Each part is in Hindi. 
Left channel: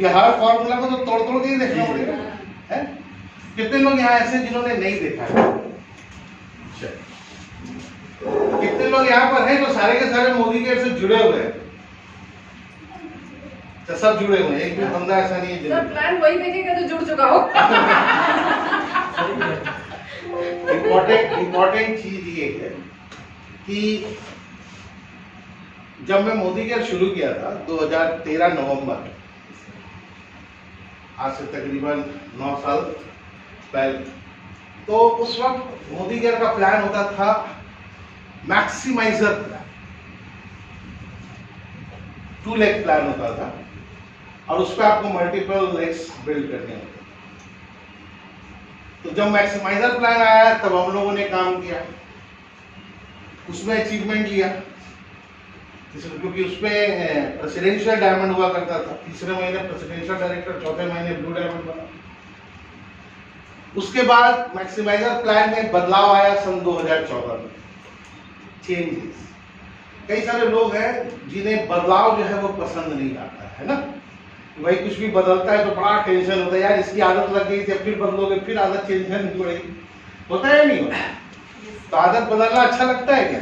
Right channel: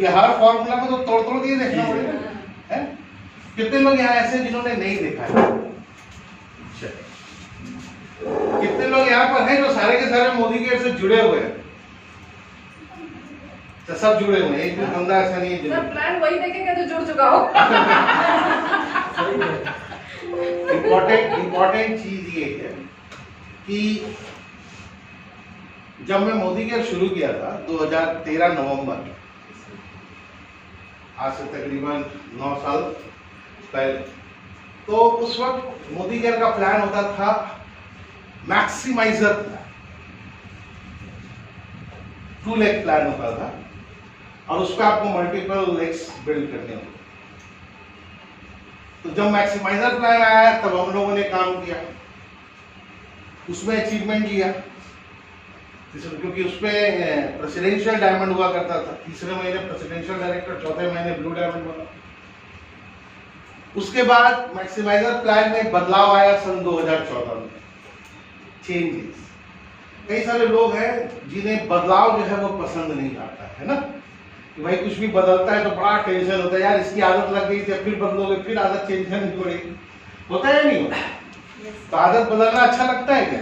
क्योंकि हर फॉर्मूला को तो तोड़ तोड़ के ही देखना पड़ेगा है। कितने लोग यहाँ ऐसे जिन्होंने नहीं देखा है? कितने लोग यहाँ पर हैं जो सारे के सारे मोदी केयर से जुड़े हुए हैं? तो सब जुड़े हुए हैं, एक भी बंदा ऐसा नहीं है जो प्लान वही देखेगा जो जुड़ चुका हो। इम्पोर्टेंट चीज ये है कि जब मैं मोदी केयर शुरू किया था 2013 नवंबर, आज से तकरीबन 9 साल पहले, तो उस वक्त मोदी केयर का प्लान होता था मैक्सिमाइजर प्लान, 2 लेग प्लान होता था और उस पर आपको मल्टीपल लेग्स बिल्ड करने होते। तो जब मैक्सिमाइजर प्लान आया तब हम लोगों ने काम किया, उसमें अचीवमेंट किया, क्योंकि उसमें प्रेसिडेंशियल डायमंड हुआ करता था, तीसरे महीने प्रेसिडेंशियल डायरेक्टर, चौथे महीने ब्लू डायमंड बना। उसके बाद मैक्सिमाइजर प्लान में बदलाव आया सन 2014 में, चेंजेस। कई सारे लोग हैं जिन्हें बदलाव जो है वो पसंद नहीं आता है ना, कि भाई कुछ भी बदलता है तो बड़ा टेंशन होता है, यार इसकी आदत लग गई थी, फिर बदलोगे फिर आदत चेंज करनी पड़ेगी, होता है नहीं होता? तो आदत बदलना अच्छा लगता है क्या?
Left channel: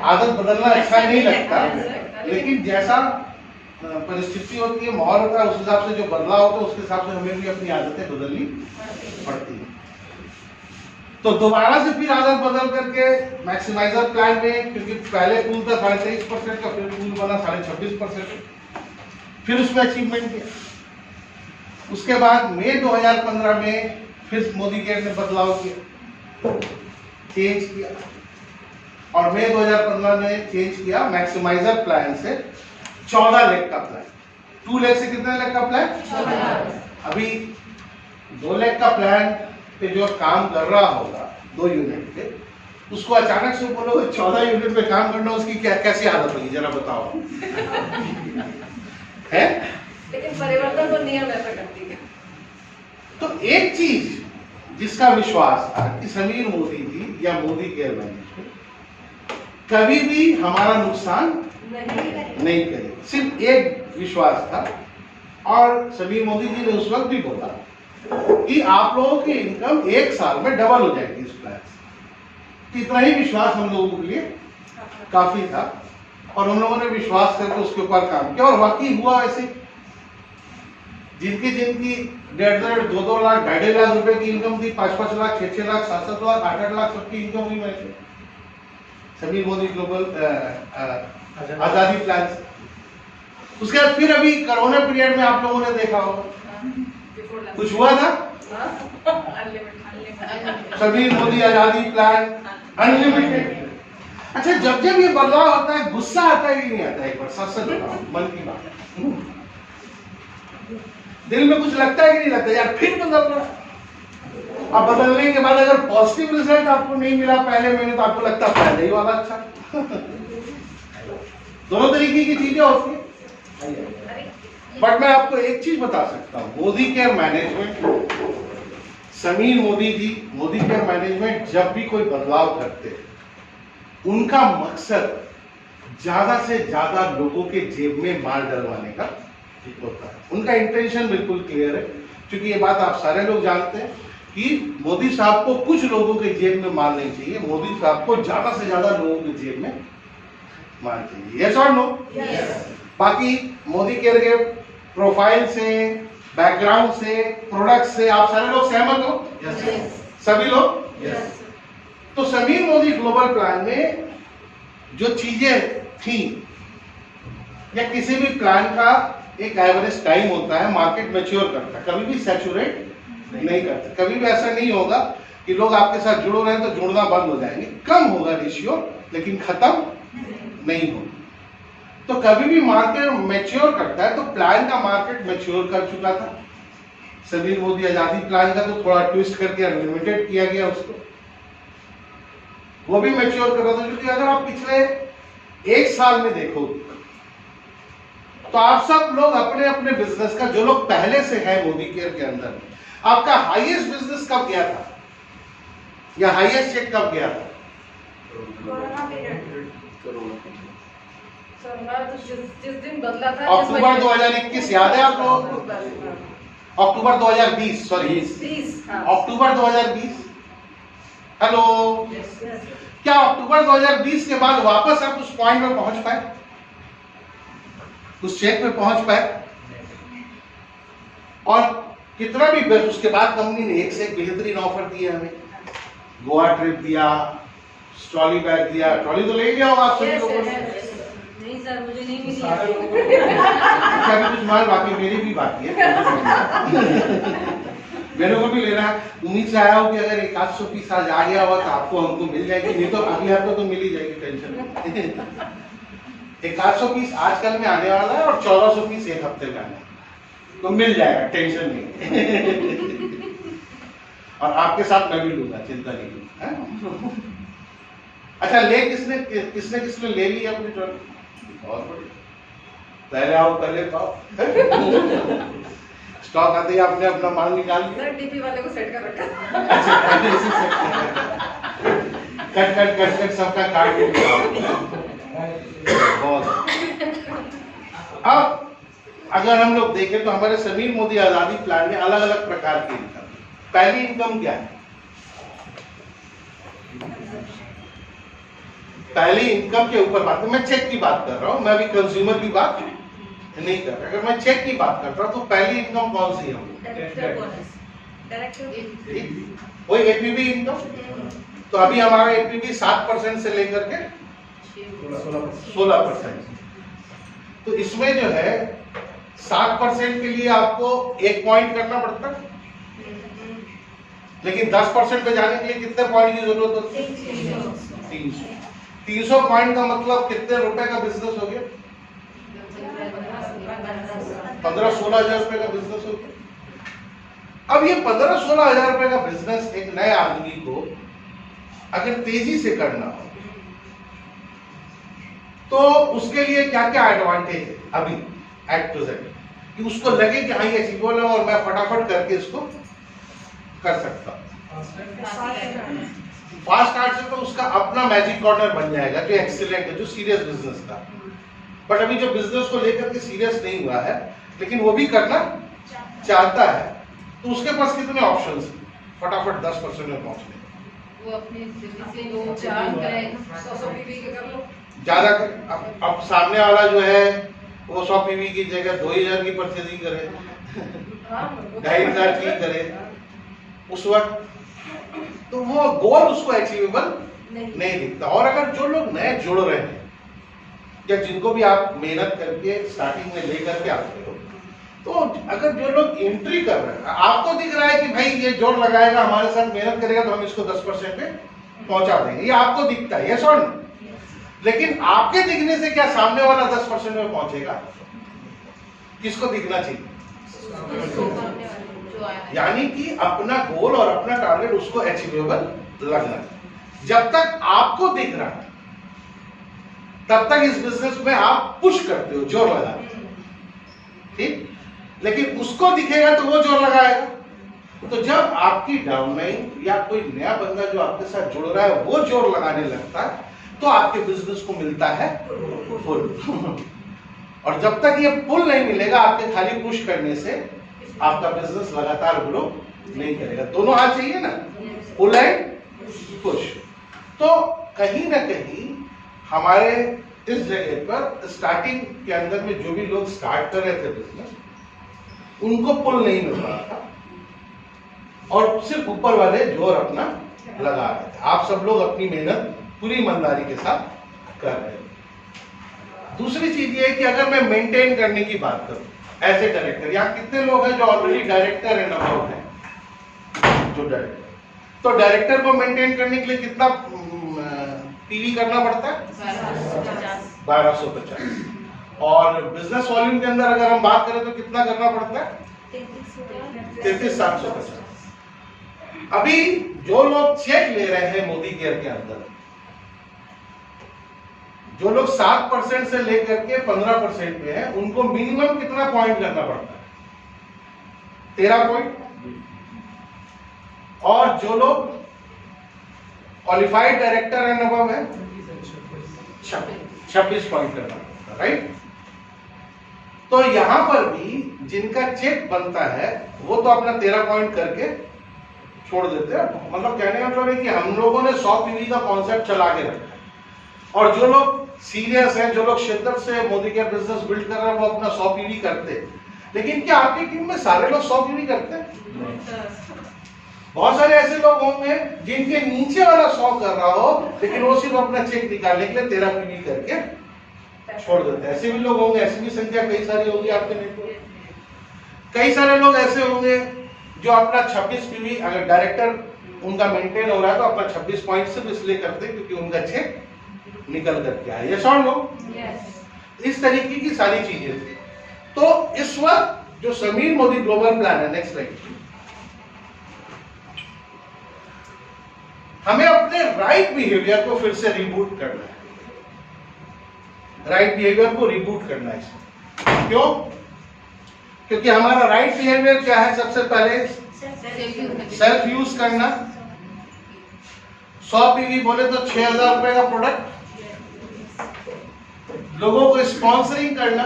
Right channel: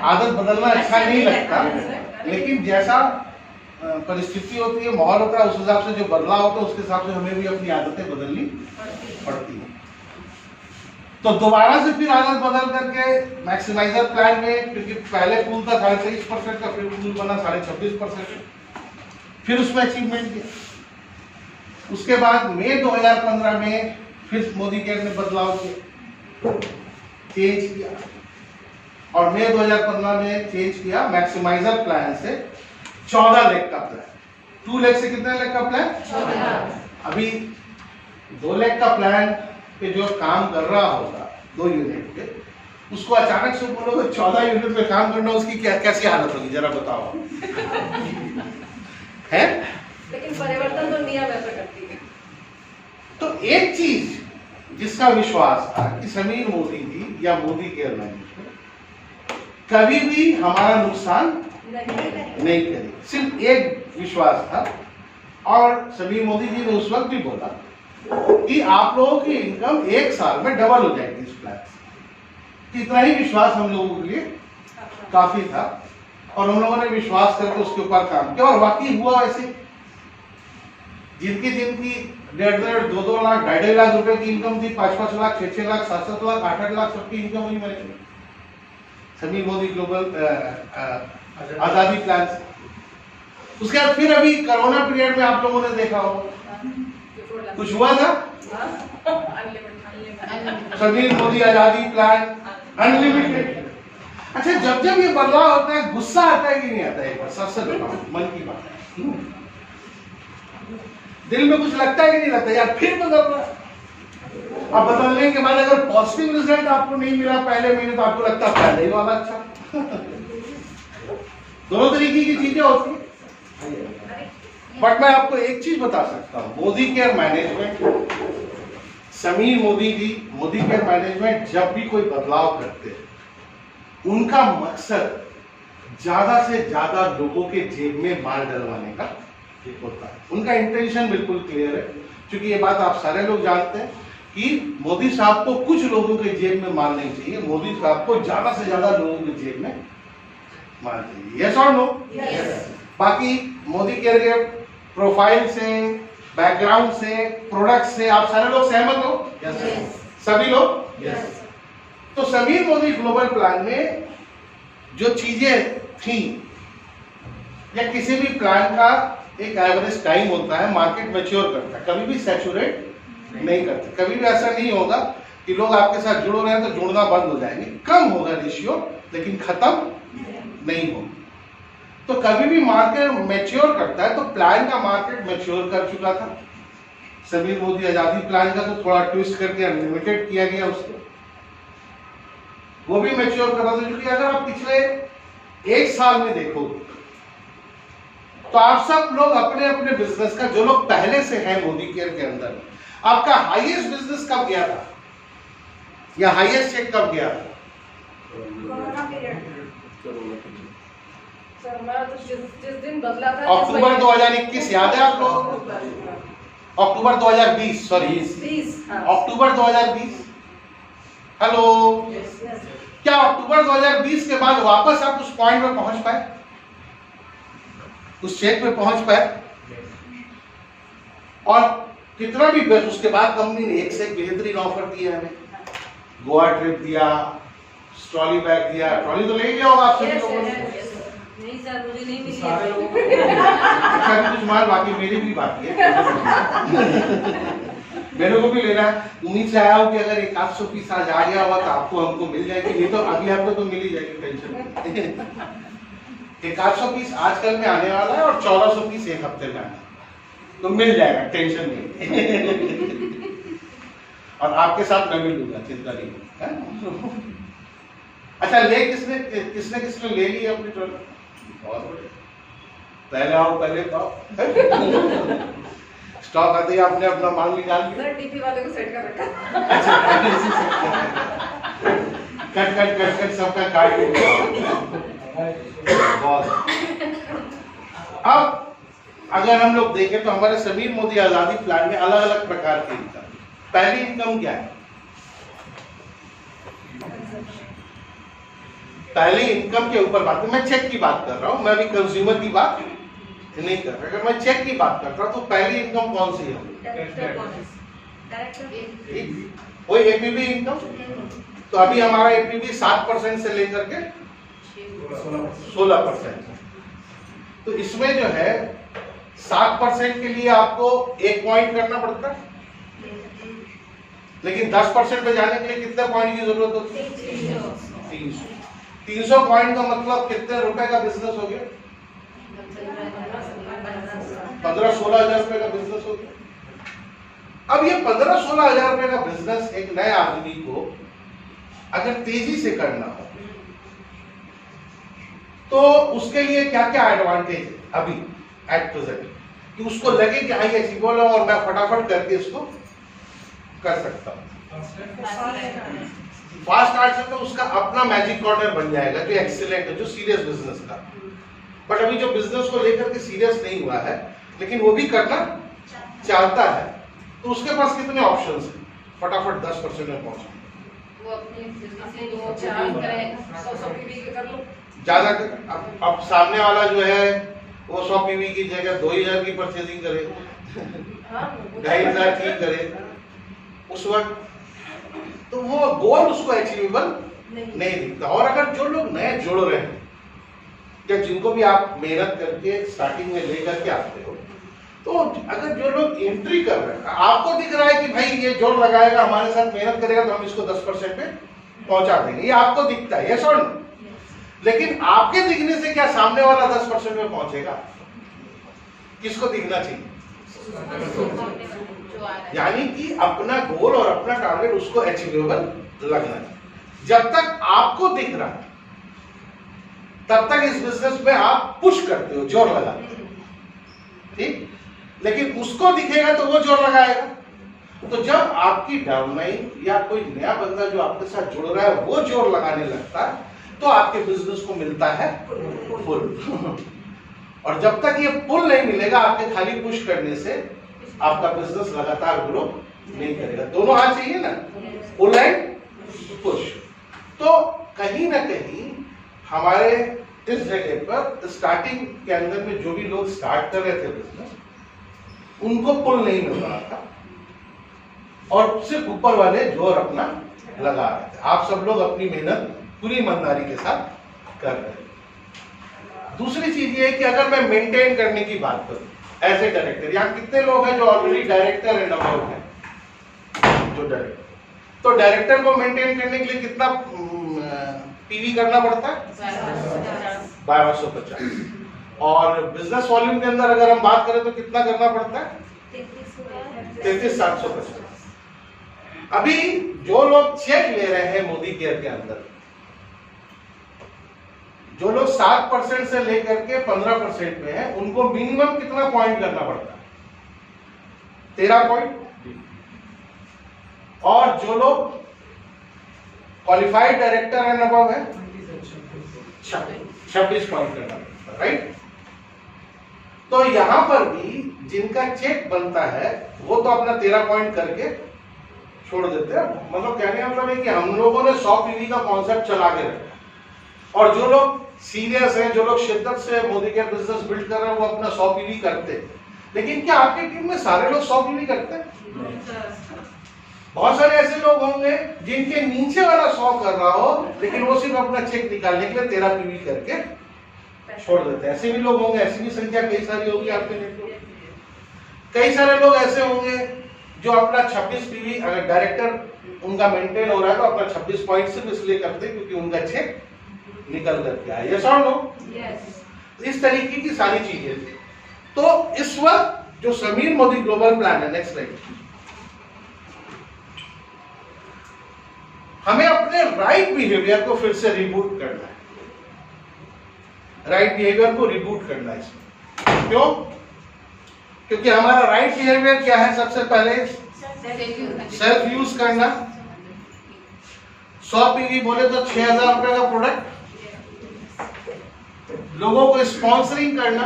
आदत बदलना अच्छा नहीं लगता, लेकिन जैसा परिस्थिति होती है, माहौल होता है, उस हिसाब से जो बदलाव होता है उसके हिसाब से हमें भी अपनी आदतें बदलनी पड़ती है। तो दोबारा से फिर आदत बदल करके मैक्सिमाइजर प्लान में, क्योंकि पहले पूल था 23.5% का, फिर पूल बना 26.5%, फिर उसमें अचीवमेंट किया। उसके बाद मई 2015 में फिर मोदी केयर ने बदलाव किया, चेंज किया, और मई 2015 में चेंज किया मैक्सिमाइजर प्लान से 14 लेग का प्लान। 2 लेग से कितने लेग का प्लान? 14। अभी 2 लेग का प्लान पे जो काम कर रहा होगा 2 यूनिट पे, उसको अचानक से बोलोगे 14 यूनिट पे काम करना, उसकी क्या कैसी हालत होगी जरा बताओ। है? लेकिन परिवर्तन तो नियम ऐसा करती है। तो एक चीज जिसका विश्वास था कि समीर मोदी जी या मोदी केयर मैनेजमेंट कभी भी हमारा नुकसान नहीं करेगी, सिर्फ एक विश्वास था। और समीर मोदी जी ने उस वक्त भी बोला कि आप लोगों की इनकम 1 साल में डबल हो जाएगी इस प्लान से। इतना ही विश्वास हम लोगों के लिए काफी था, और हम लोगों ने विश्वास करके उसके ऊपर काम किया, और वाकई हुआ वैसे। जिनकी 1.5-1.5, 2-2 लाख, 2.5 लाख रुपए की इनकम थी, 5-5 लाख, 6-6 लाख, 7-7 लाख, 8-8 लाख सबकी इनकम हुई मेरे समीर मोदी ग्लोबल आजादी प्लान से। उसके बाद फिर अभी कोरोना पीरियड में आप लोगों ने देखा होगा कुछ हुआ था, समीर मोदी आजादी प्लान अनलिमिटेड। अच्छा, जब जब ये बदलाव होता है गुस्सा आता है कि नहीं आता है? एक बार सच सच बताओ, मन की बात, दिल में कुछ लगता है कि नहीं लगता यार फिर बदल रहा है? अब बदलने के बाद अगर पॉजिटिव रिजल्ट आपको नहीं मिला पहले महीने, तो आपको लगता है पहले ही वाला अच्छा। दोनों तरीके की चीजें होती है। बट मैं आपको एक चीज बता सकता हूं, Modi care management, Sameer Modi ji, Modi care management जब भी कोई बदलाव करते हैं, उनका मकसद ज्यादा से ज्यादा लोगों के जेब में माल डलवाने का होता है। उनका इंटेंशन बिल्कुल क्लियर है, क्योंकि ये बात आप सारे लोग जानते हैं कि मोदी साहब को कुछ लोगों के जेब में माल नहीं चाहिए, मोदी साहब को ज्यादा से ज्यादा लोगों के जेब में माल चाहिए। यस और नो? बाकी मोदी केयर के प्रोफाइल से, बैकग्राउंड से, प्रोडक्ट से आप सारे लोग सहमत हो? सभी लोग? तो समीर मोदी ग्लोबल प्लान में जो चीजें थी, या किसी भी प्लान का एक एवरेज टाइम होता है, मार्केट मैच्योर करता है, कभी भी सैचुरेट नहीं करता। कभी भी ऐसा नहीं होगा कि लोग आपके साथ जुड़ रहे हैं तो जुड़ना बंद हो जाएंगे, कम होगा रेशियो, लेकिन खत्म नहीं होगा। तो कभी भी मार्केट मैच्योर करता है, तो प्लान का मार्केट मैच्योर कर चुका था। समीर मोदी आजादी प्लान का तो थोड़ा ट्विस्ट करके अनलिमिटेड किया गया उसको, वो भी मैच्योर कर रहा था। क्योंकि अगर आप पिछले 1 साल में देखो तो आप सब लोग अपने अपने बिजनेस का, जो लोग पहले से हैं मोदी केयर के अंदर, आपका हाईएस्ट बिजनेस कब गया था या हाईएस्ट चेक कब गया था? सर हमारा तो जिस दिन दिन बदला था। अक्टूबर 2021 याद है आपको? अक्टूबर 2020 सॉरी 20 अक्टूबर 2020। हेलो, क्या अक्टूबर 2020 के बाद वापस आप उस पॉइंट में पहुंच पाए, उस चेक में पहुंच पाए? और कितना भी बेस्ट, उसके बाद कंपनी ने एक से एक बेहतरीन ऑफर दिया हमें। गोवा ट्रिप दिया, ट्रॉली बैग दिया। ट्रॉली तो ले लिया होगा आप सभी लोगों ने। नहीं सर, मुझे नहीं मिली। अच्छा, अभी कुछ माल बाकी, मेरी भी बाकी है, मेरे को भी लेना है। उम्मीद से आया हूँ कि अगर 100 पीस आज आ गया हुआ तो आपको हमको मिल जाएगी, नहीं तो अगले हफ्ते तो मिल ही जाएगी, टेंशन नहीं। 100 पीस आजकल में आने वाला है और 1400 पीस एक हफ्ते का है, तो मिल जाएगा, टेंशन नहीं। और आपके साथ मैं भी लूंगा, चिंता नहीं करूँ। अच्छा, किसने किसने ले ली अपनी ट्रॉली? बहुत बढ़िया, पहले आओ पहले पाओ। स्टॉक आते ही आपने अपना माल निकाल लिया। सर डीपी वाले को सेट कर रखा। अच्छा, कट सबका काट के बहुत। अब अगर हम लोग देखें तो हमारे समीर मोदी आजादी प्लान में अलग अलग प्रकार की इनकम। पहली इनकम क्या है? पहली इनकम के ऊपर बात, मैं चेक की बात कर रहा हूं, मैं भी कंज्यूमर की बात नहीं कर रहा। अगर मैं चेक की बात कर रहा हूं तो पहली इनकम कौन सी है? वही एपीबी इनकम। तो अभी हमारा एपीबी 7% से लेकर के 16%। तो इसमें जो है 7% के लिए आपको 1 पॉइंट करना पड़ता है, लेकिन 10% पे जाने के लिए कितने पॉइंट की जरूरत होती है? 300 पॉइंट का मतलब कितने रुपए का बिजनेस हो गया? 15-16 हजार रुपए का बिजनेस हो गया। अब ये 15-16 हजार रुपए का बिजनेस एक नए आदमी को अगर तेजी से करना हो तो उसके लिए क्या क्या एडवांटेज है अभी एट प्रेजेंट, कि उसको लगे कि हाँ ये अचीवेबल है और मैं फटाफट करके इसको कर सकता हूँ। फास्ट स्टार्ट से तो उसका अपना मैजिक कॉर्नर बन जाएगा जो एक्सीलेंट है, जो सीरियस बिजनेस का। बट अभी जो बिजनेस को लेकर के सीरियस नहीं हुआ है लेकिन वो भी करना चाहता है, तो उसके पास कितने ऑप्शंस हैं फटाफट 10% में पहुंचने? वो अपने से वो चार्ज करें, 100 पीवी के कर लो ज्यादा। अब सामने वाला जो है वो 100 पीवी की जगह 2000 की परचेजिंग करे, 2500 की करे उस वक्त, तो वो गोल उसको अचीवेबल नहीं दिखता। और अगर जो लोग नए जुड़ रहे हैं या जिनको भी आप मेहनत करके स्टार्टिंग में लेकर के आते हो, तो अगर जो लोग एंट्री कर रहे हैं, आपको दिख रहा है कि भाई ये जोर लगाएगा, हमारे साथ मेहनत करेगा तो हम इसको 10% पे पहुंचा देंगे, ये आपको दिखता है, यस और नो? लेकिन आपके दिखने से क्या सामने वाला 10% में पहुंचेगा? किसको दिखना चाहिए? यानी कि अपना गोल और अपना टारगेट उसको अचीवेबल लगना है। जब तक आपको दिख रहा है तब तक इस बिजनेस में आप पुश करते हो, जोर लगाते हो, ठीक? लेकिन उसको दिखेगा तो वो जोर लगाएगा। तो जब आपकी डाउनलाइन या कोई नया बंदा जो आपके साथ जुड़ रहा है वो जोर लगाने लगता है तो आपके बिजनेस को मिलता है पुल। और जब तक ये पुल नहीं मिलेगा, आपके खाली पुश करने से आपका बिजनेस लगातार ग्रो नहीं करेगा। दोनों हाथ चाहिए ना, पुल एंड पुश। तो कहीं ना कहीं हमारे इस जगह पर स्टार्टिंग के अंदर में जो भी लोग स्टार्ट कर रहे थे बिजनेस, उनको पुल नहीं मिल रहा था और सिर्फ ऊपर वाले जोर अपना लगा रहे थे। आप सब लोग अपनी मेहनत पूरी ईमानदारी के साथ कर रहे हैं। दूसरी चीज ये है कि अगर मैं मेंटेन करने की बात करूं एज ए डायरेक्टर, यहाँ कितने लोग हैं जो ऑलरेडी डायरेक्टर एंड अबव है? जो डायरेक्टर, तो डायरेक्टर को मेंटेन करने के लिए कितना पीवी करना पड़ता है? 1250। और बिजनेस वॉल्यूम के अंदर अगर हम बात करें तो कितना करना पड़ता है? 33,750। अभी जो लोग चेक ले रहे हैं मोदी केयर के अंदर, जो लोग 7% से लेकर के 15% पे हैं, उनको मिनिमम कितना पॉइंट करना पड़ता है? 13 पॉइंट। और जो लोग क्वालिफाइड डायरेक्टर एंड अबव है 26 पॉइंट करना पड़ता है, राइट? तो यहां पर भी जिनका चेक बनता है वो तो अपना 13 पॉइंट करके छोड़ देते हैं। मतलब कहने का मतलब है कि हम लोगों ने 100 पीवी का कॉन्सेप्ट चला के रखा है और जो लोग सीरियस हैं, जो लोग शिद्दत से मोदी केयर बिजनेस बिल्ड कर रहे हैं, वो अपना 100 पीवी करते हैं। लेकिन क्या आपकी टीम में सारे लोग 100 पीवी करते हैं? बहुत सारे ऐसे लोग होंगे जिनके नीचे वाला 100 कर रहा हो लेकिन वो सिर्फ अपना चेक निकालने के लिए 13 पीवी करके छोड़ देते हैं। ऐसे भी लोग होंगे, ऐसी भी संख्या कई सारी होगी आपके नेटवर्क। कई सारे लोग ऐसे होंगे जो अपना 26 पीवी, अगर डायरेक्टर उनका मेंटेन हो रहा है तो अपना 26 पॉइंट सिर्फ इसलिए करते हैं क्योंकि उनका चेक निकल करके आया। यस और नो? इस तरीके की सारी चीजें थी। तो इस वक्त जो समीर मोदी ग्लोबल प्लान है, नेक्स्ट स्लाइड, हमें अपने राइट बिहेवियर को फिर से रिबूट करना है। राइट बिहेवियर को रिबूट करना है इसमें। क्यों? क्योंकि हमारा राइट बिहेवियर क्या है? सबसे पहले सेल्फ यूज करना। 100 पीवी बोले तो 6,000 रुपए का प्रोडक्ट, लोगों को स्पॉन्सरिंग करना।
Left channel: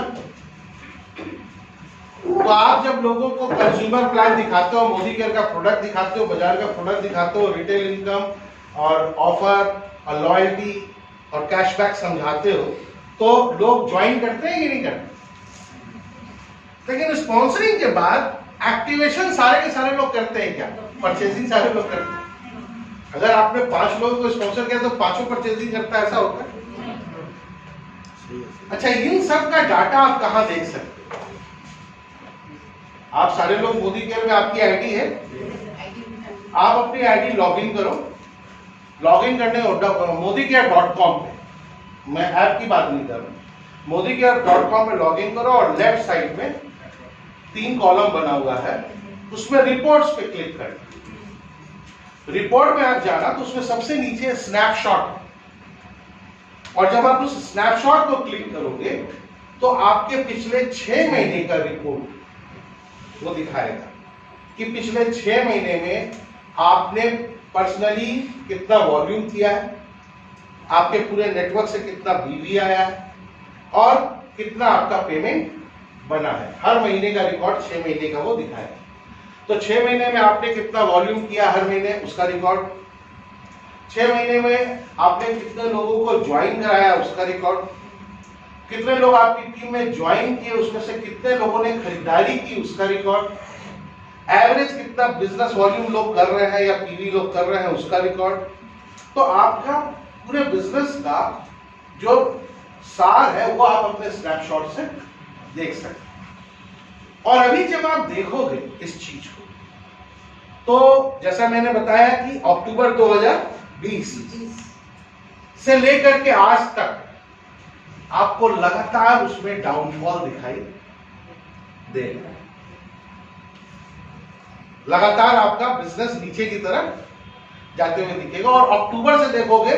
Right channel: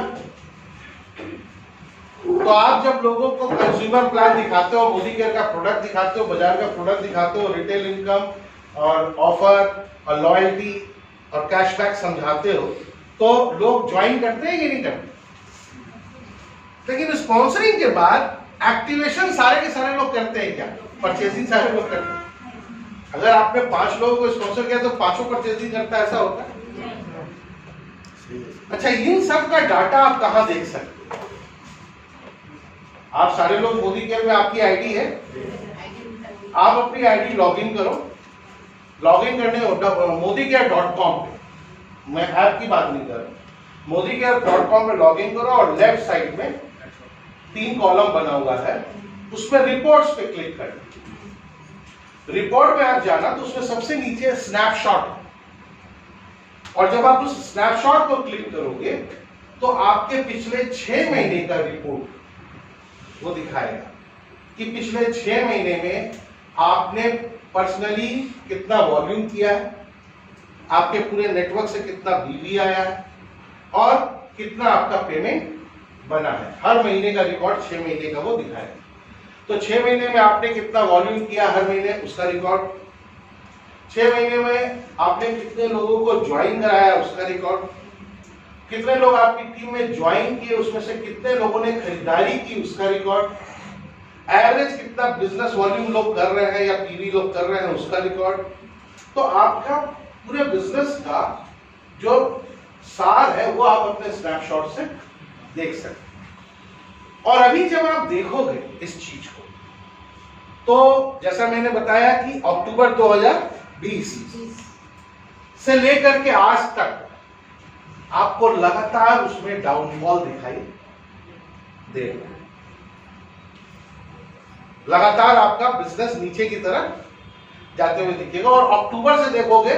तो आप जब लोगों को कंज्यूमर प्लान दिखाते हो, मोदी केयर का प्रोडक्ट दिखाते हो, बाजार का प्रोडक्ट दिखाते हो, रिटेल इनकम और ऑफर और लॉयल्टी और कैशबैक समझाते हो, तो लोग ज्वाइन करते हैं कि नहीं करते? लेकिन स्पॉन्सरिंग के बाद एक्टिवेशन सारे के सारे लोग करते हैं क्या? परचेजिंग सारे लोग करते हैं। अगर आपने 5 लोगों को स्पॉन्सर किया तो 5 परचेजिंग करता है, ऐसा होता है? अच्छा, इन सब का डाटा आप कहां देख सकते हो? आप सारे लोग मोदी केयर में आपकी आईडी है, आप अपनी आईडी लॉगिन करो। लॉगिन करने modycare.com पे, मैं ऐप की बात नहीं कर रहा, modycare.com में लॉगिन करो और लेफ्ट साइड में 3 कॉलम बना हुआ है, उसमें रिपोर्ट्स पे क्लिक करना। रिपोर्ट में आप जाना तो उसमें सबसे नीचे स्नैपशॉट, और जब आप उस स्नैपशॉट को क्लिक करोगे तो आपके पिछले 6 महीने का रिपोर्ट वो दिखाएगा कि पिछले 6 महीने में आपने पर्सनली कितना वॉल्यूम किया है, आपके पूरे नेटवर्क से कितना बीवी आया है और कितना आपका पेमेंट बना है। हर महीने का रिकॉर्ड 6 महीने का वो दिखाएगा। तो 6 महीने में आपने कितना वॉल्यूम किया हर महीने, उसका रिकॉर्ड। 6 महीने में आपने कितने लोगों को ज्वाइन कराया, उसका रिकॉर्ड। कितने लोग आपकी टीम में ज्वाइन किए, उसमें से कितने लोगों ने खरीदारी की, उसका रिकॉर्ड। एवरेज कितना बिजनेस वॉल्यूम लोग कर रहे हैं या पीवी लोग कर रहे हैं, उसका रिकॉर्ड। तो आपका पूरे बिजनेस का जो सार है वो आप अपने स्नैपशॉट से देख सकते हैं। और अभी जब आप देखोगे इस चीज को, तो जैसा मैंने बताया कि अक्टूबर 2020 से लेकर के आज तक आपको लगातार उसमें डाउनफॉल दिखाई देगा। लगातार आपका बिजनेस नीचे की तरफ जाते हुए दिखेगा। और अक्टूबर से देखोगे,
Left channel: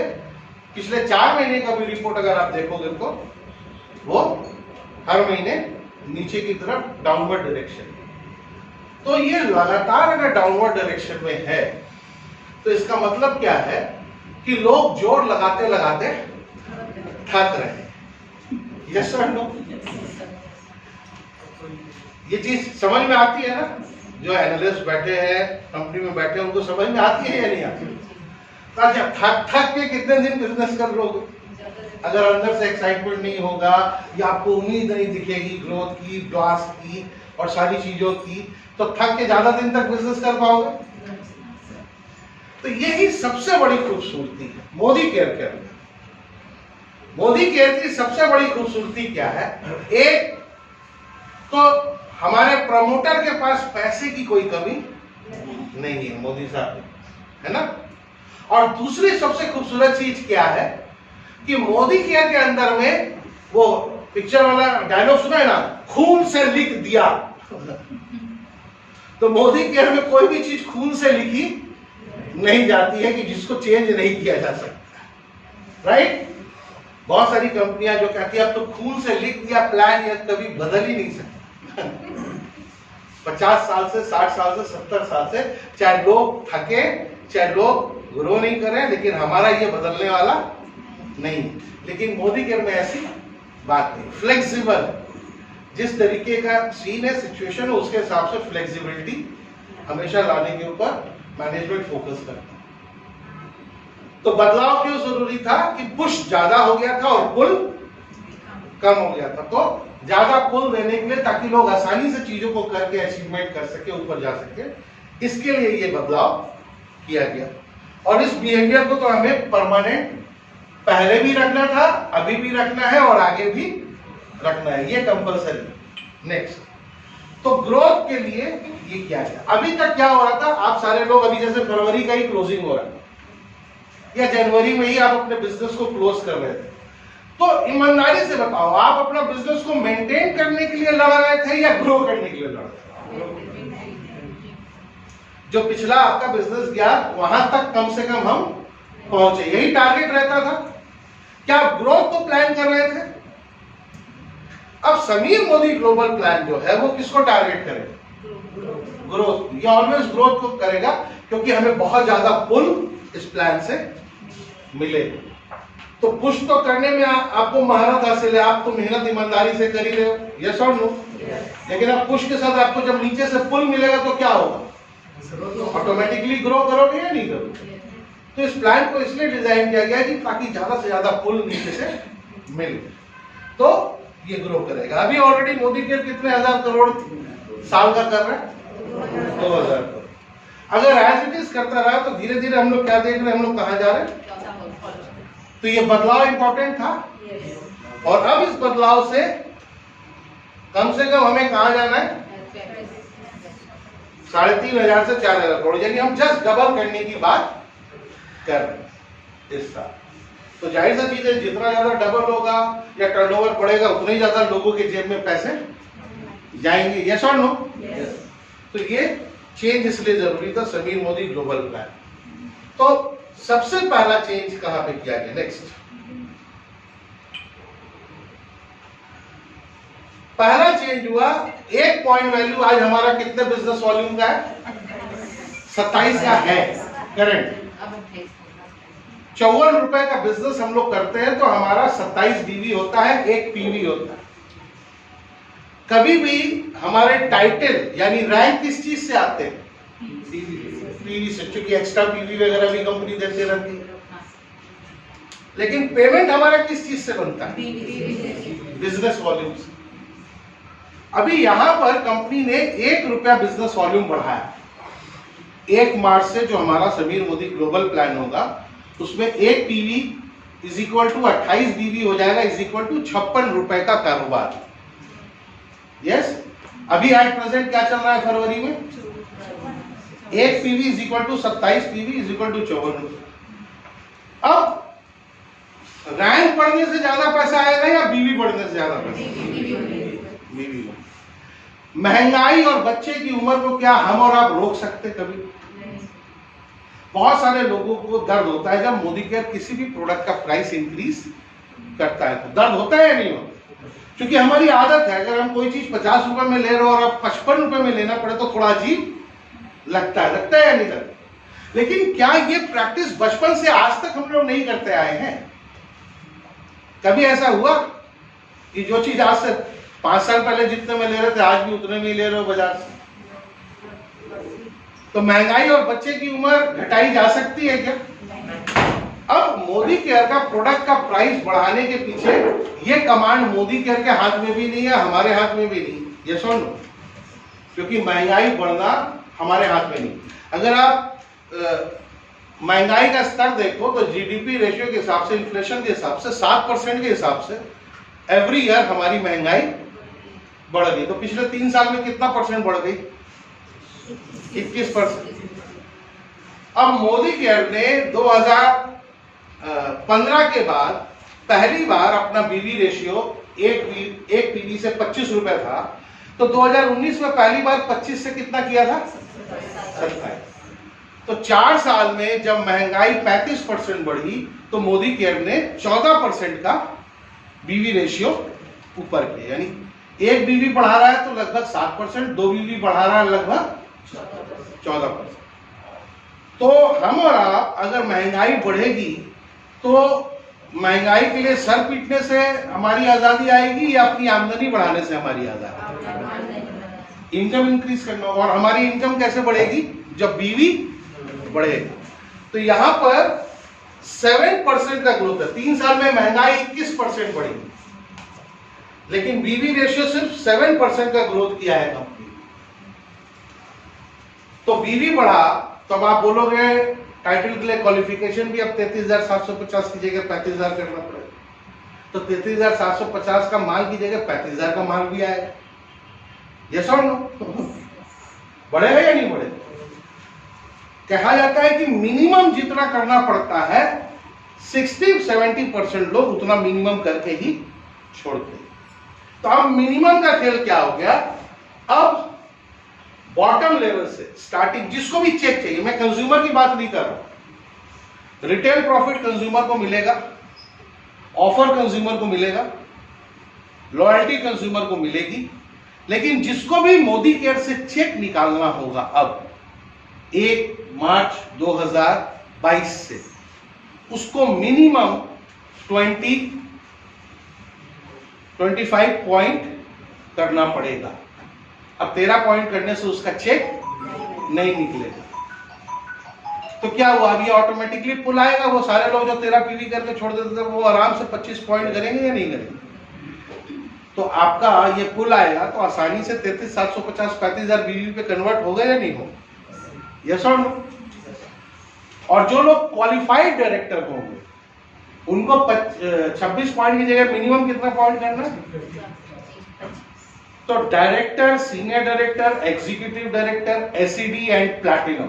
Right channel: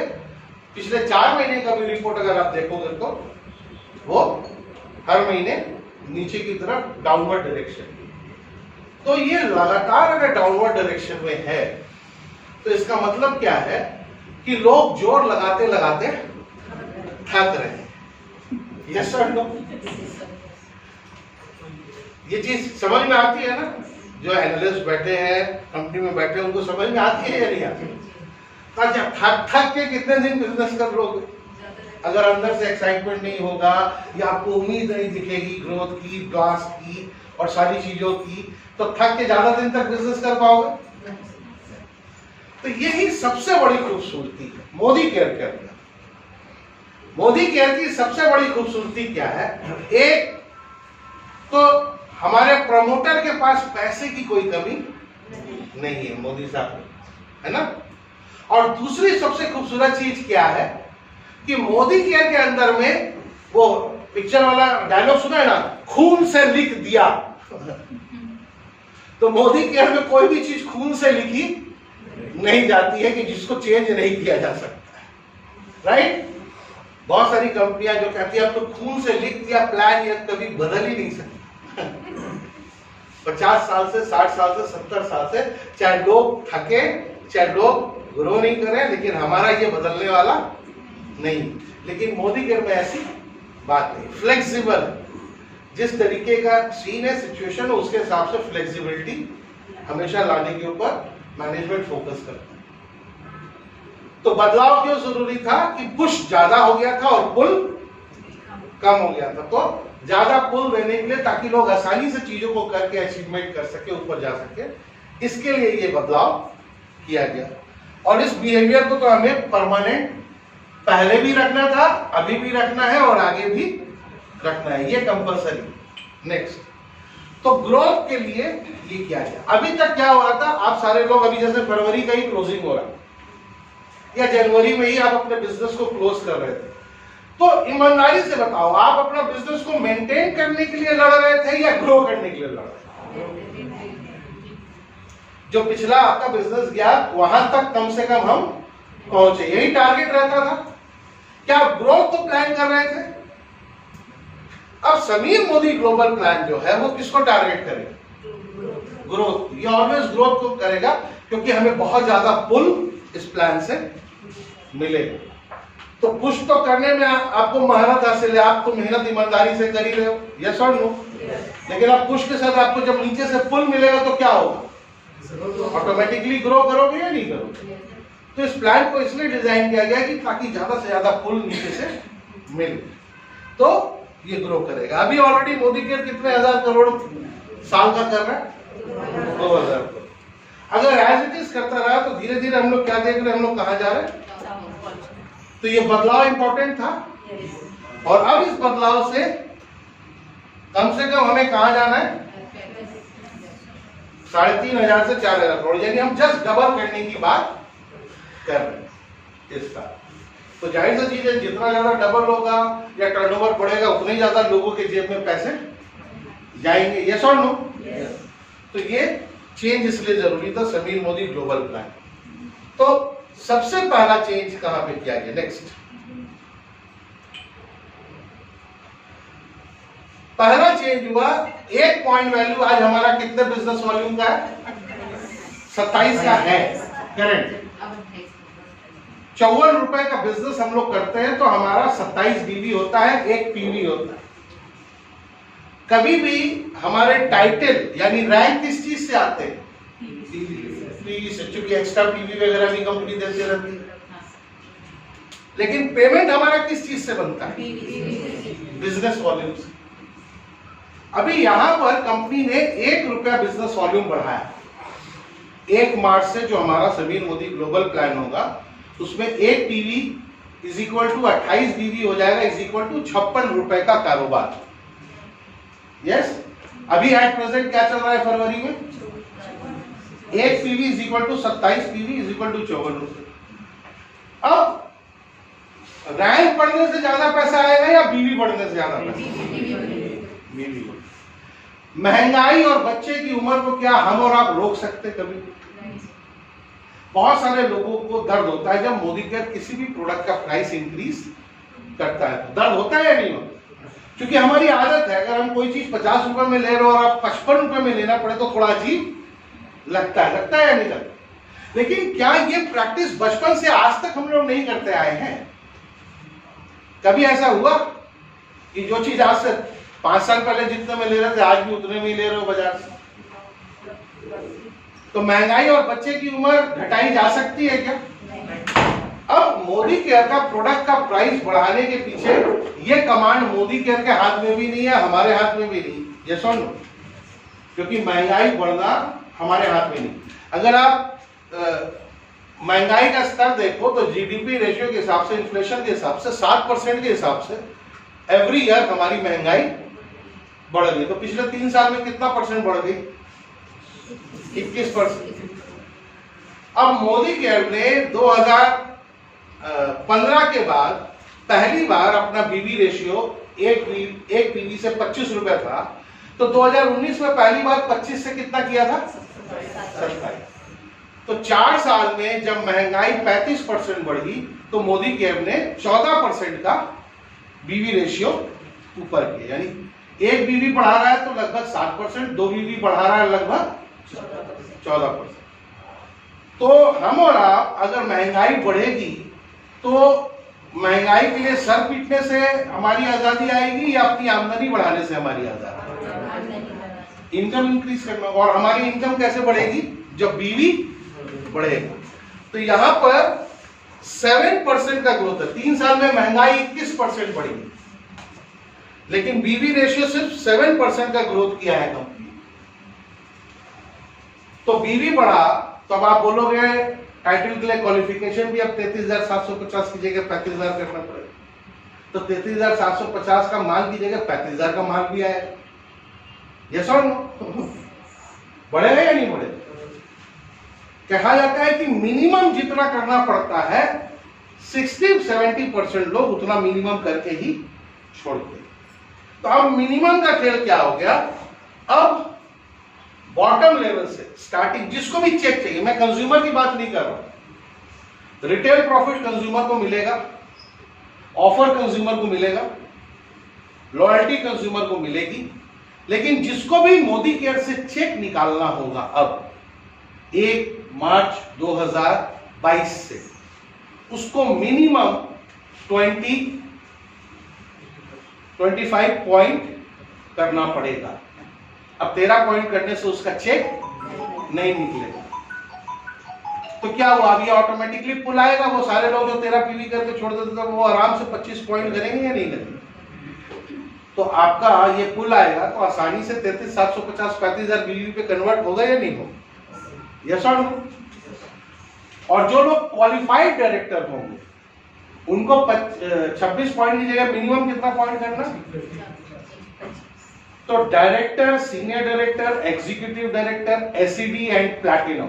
पिछले 4 महीने का भी रिपोर्ट अगर आप देखोगे तो वो हर महीने नीचे की तरफ डाउनवर्ड डायरेक्शन। तो ये लगातार अगर डाउनवर्ड डायरेक्शन में है तो इसका मतलब क्या है कि लोग जोर लगाते लगाते थक रहे हैं। यस और नो? ये चीज समझ में आती है ना? जो एनालिस्ट बैठे हैं कंपनी में बैठे हैं, उनको समझ में आती है या नहीं आती? अच्छा, थक थक के कितने दिन बिजनेस कर लोगे? अगर अंदर से एक्साइटमेंट नहीं होगा या आपको उम्मीद नहीं दिखेगी ग्रोथ की, ब्लास्ट की और सारी चीजों की, तो थक के ज्यादा दिन तक बिजनेस कर पाओगे? तो यही सबसे बड़ी खूबसूरती है मोदी केयर के अंदर। मोदी केयर की सबसे बड़ी खूबसूरती क्या है? एक तो हमारे प्रमोटर के पास पैसे की कोई कमी नहीं है, मोदी साहब, है ना? और दूसरी सबसे खूबसूरत चीज क्या है कि मोदी केयर के अंदर में वो पिक्चर वाला डायलॉग सुना है ना, खून से लिख दिया। तो मोदी केयर में कोई भी चीज खून से लिखी नहीं जाती है कि जिसको चेंज नहीं किया जा सकता, राइट? बहुत सारी कंपनियां जो कहती है अब तो खून से लिख दिया प्लान, या कभी बदल ही नहीं सकता। 50 साल से, 60 साल से, 70 साल से, चाहे लोग थके, चाहे लोग ग्रो नहीं करें, लेकिन हमारा ये बदलने वाला नहीं। लेकिन मोदी केयर में ऐसी बात नहीं, फ्लेक्सिबल। जिस तरीके का सीन है, सिचुएशन है, उसके हिसाब से फ्लेक्सिबिलिटी हमेशा लाने के ऊपर मैनेजमेंट फोकस करता है। तो बदलाव क्यों जरूरी था कि पुश ज्यादा हो गया था और पुल कम हो गया था। तो ज्यादा पुल देने के लिए, ताकि लोग आसानी से चीजों को करके अचीवमेंट कर सके, ऊपर जा सके, इसके लिए ये बदलाव किया गया। और इस बिहेवियर को तो हमें परमानेंट पहले भी रखना था, अभी भी रखना है और आगे भी रखना है, ये कंपलसरी। नेक्स्ट, तो ग्रोथ के लिए ये किया गया। अभी तक क्या हो रहा था, आप सारे लोग अभी जैसे फरवरी का ही क्लोजिंग हो रहा है या जनवरी में ही आप अपने बिजनेस को क्लोज कर रहे थे, तो ईमानदारी से बताओ, आप अपना बिजनेस को मेंटेन करने के लिए लड़ रहे थे या ग्रो करने के लिए लड़ रहे थे? जो पिछला आपका बिजनेस गया वहां तक कम से कम हम पहुंचे, यही टारगेट रहता था। क्या आप ग्रोथ को प्लान कर रहे थे? अब समीर मोदी ग्लोबल प्लान जो है वो किसको टारगेट करेगा? ग्रोथ। ये ऑलवेज ग्रोथ को करेगा, क्योंकि हमें बहुत ज्यादा पुल इस प्लान से मिलेगा। तो पुश तो करने में आपको महारत हासिल है, आप तो मेहनत ईमानदारी से कर ही रहे हो, यस और नो? लेकिन आप पुश के साथ आपको जब नीचे से पुल मिलेगा तो क्या होगा? ऑटोमेटिकली ग्रो करोगे या नहीं करोगे? तो इस प्लान को इसलिए डिजाइन किया गया कि ताकि ज्यादा से ज्यादा पुल नीचे से मिले, तो ये ग्रो करेगा। अभी ऑलरेडी मोदी केयर कितने हजार करोड़ साल का कर रहा है? 2000 करोड़। अगर एज इट इज करता रहा तो धीरे धीरे हम लोग क्या देख रहे हैं, हम लोग कहां जा रहे हैं? तो ये बदलाव इंपॉर्टेंट था। और अब इस बदलाव से कम हमें कहां जाना है? 3500 से 4000 करोड़, यानी हम जस्ट डबल करने की बात कर रहे हैं इसका। तो जाहिर सी चीज है, जितना ज्यादा डबल होगा या टर्नओवर बढ़ेगा, उतने ही ज्यादा लोगों के जेब में पैसे जाएंगे, यस और नो? तो ये चेंज इसलिए जरूरी था, समीर मोदी ग्लोबल प्लान। तो सबसे पहला चेंज कहां पे किया गया? नेक्स्ट, पहला चेंज हुआ, एक पॉइंट वैल्यू आज हमारा कितने बिजनेस वॉल्यूम का है? 27 का है करंट। 54 रुपए का बिजनेस हम लोग करते हैं तो हमारा 27 बीवी होता है, एक पीवी होता है। कभी भी हमारे टाइटल यानी रैंक किस चीज से आते हैं? पीवी से, क्योंकि एक्स्ट्रा पीवी वगैरह भी कंपनी देते रहती है। लेकिन पेमेंट हमारा किस चीज से बनता है? बिजनेस वॉल्यूम से। अभी यहां पर कंपनी ने 1 रुपया बिजनेस वॉल्यूम बढ़ाया। 1 मार्च से जो हमारा समीर मोदी ग्लोबल प्लान होगा, उसमें 1 पीवी इज इक्वल टू 28 बीवी हो जाएगा, इज इक्वल टू 56 रुपए का कारोबार। यस, अभी एट प्रेजेंट क्या चल रहा है फरवरी में? 1 PV is equal to 27 PV is equal to 54 रुपए। अब रैंक बढ़ने से ज्यादा पैसा आएगा या बीवी बढ़ने से ज्यादा पैसा? बीवी। महंगाई और बच्चे की उम्र को क्या हम और आप रोक सकते? कभी बहुत सारे लोगों को दर्द होता है जब मोदी केयर किसी भी प्रोडक्ट का प्राइस इंक्रीज करता है, तो दर्द होता है या नहीं होता? क्योंकि हमारी आदत है, अगर हम कोई चीज 50 रुपए में ले रहे हो और आप 55 रुपए में लेना पड़े तो थोड़ा अजीब लगता है या नहीं लगता? लेकिन क्या ये प्रैक्टिस बचपन से आज तक हम लोग नहीं करते आए हैं? कभी ऐसा हुआ कि जो चीज आज से 5 साल पहले जितने में ले रहे थे आज भी उतने में ले रहे हो बाजार से? तो महंगाई और बच्चे की उम्र घटाई जा सकती है क्या? अब मोदी केयर का प्रोडक्ट का प्राइस बढ़ाने के पीछे ये कमांड मोदी केयर के हाथ में भी नहीं है, हमारे हाथ में भी नहीं, ये सुन, क्योंकि महंगाई बढ़ना हमारे हाथ में नहीं। अगर आप महंगाई का स्तर देखो तो जीडीपी रेशियो के हिसाब से, इन्फ्लेशन के हिसाब से, 7% के हिसाब से एवरी ईयर हमारी महंगाई बढ़ गई। तो पिछले 3 साल में कितना परसेंट बढ़ गई? 21%। अब मोदी केयर ने 2015 के बाद पहली बार अपना बीवी रेशियो एक पीवी से 25 रुपए था, तो 2019 में पहली बार 25 से कितना किया था? 27। तो 4 साल में जब महंगाई 35% बढ़ी तो मोदी केयर ने 14% का बीवी रेशियो ऊपर किया। यानी 1 बीवी बढ़ा रहा है तो लगभग 7%, 2 बीवी बढ़ा रहा है लगभग 14%। तो हम और आप अगर महंगाई बढ़ेगी तो महंगाई के लिए सर पीटने से हमारी आजादी आएगी या अपनी आमदनी बढ़ाने से हमारी आजादी? इनकम इंक्रीज करना। और हमारी इनकम कैसे बढ़ेगी? जब बीवी बढ़ेगा। तो यहां पर 7% का ग्रोथ है। 3 साल में महंगाई 21% बढ़ेगी, लेकिन बीवी रेशियो सिर्फ 7% का ग्रोथ किया है कंपनी। तो बीवी बढ़ा तो अब आप बोलोगे टाइटल के लिए क्वालिफिकेशन भी अब 33,750 की जगह 35,000 करना पड़ेगा। तो 33,750 का माल की जगह 35,000 का माल भी आएगा। यस और नो? बढ़ेगा या नहीं बढ़ेगा? कहा जाता है कि मिनिमम जितना करना पड़ता है 60-70% लोग उतना मिनिमम करके ही छोड़ते हैं। तो अब मिनिमम का खेल क्या हो गया? अब बॉटम लेवल से स्टार्टिंग जिसको भी चेक चाहिए, मैं कंज्यूमर की बात नहीं कर रहा, रिटेल प्रॉफिट कंज्यूमर को मिलेगा, ऑफर कंज्यूमर को मिलेगा, लॉयल्टी कंज्यूमर को मिलेगी, लेकिन जिसको भी मोदी केयर से चेक निकालना होगा अब 1 मार्च 2022 से, उसको मिनिमम 25 पॉइंट करना पड़ेगा। अब 13 पॉइंट करने से उसका चेक नहीं निकलेगा। तो क्या हुआ? अभी ऑटोमेटिकली पुल आएगा। वो सारे लोग जो 13 पीवी करके छोड़ देते थे वो आराम से 25 पॉइंट करेंगे या नहीं करेंगे? तो आपका ये पुल आएगा तो आसानी से 33,750 35,000 बीवी पे कन्वर्ट होगा या नहीं होगा? यस और नो? और जो लोग क्वालिफाइड डायरेक्टर होंगे उनको 26 पॉइंट की जगह मिनिमम कितना पॉइंट करना? तो director, senior director, executive director, SED and platinum,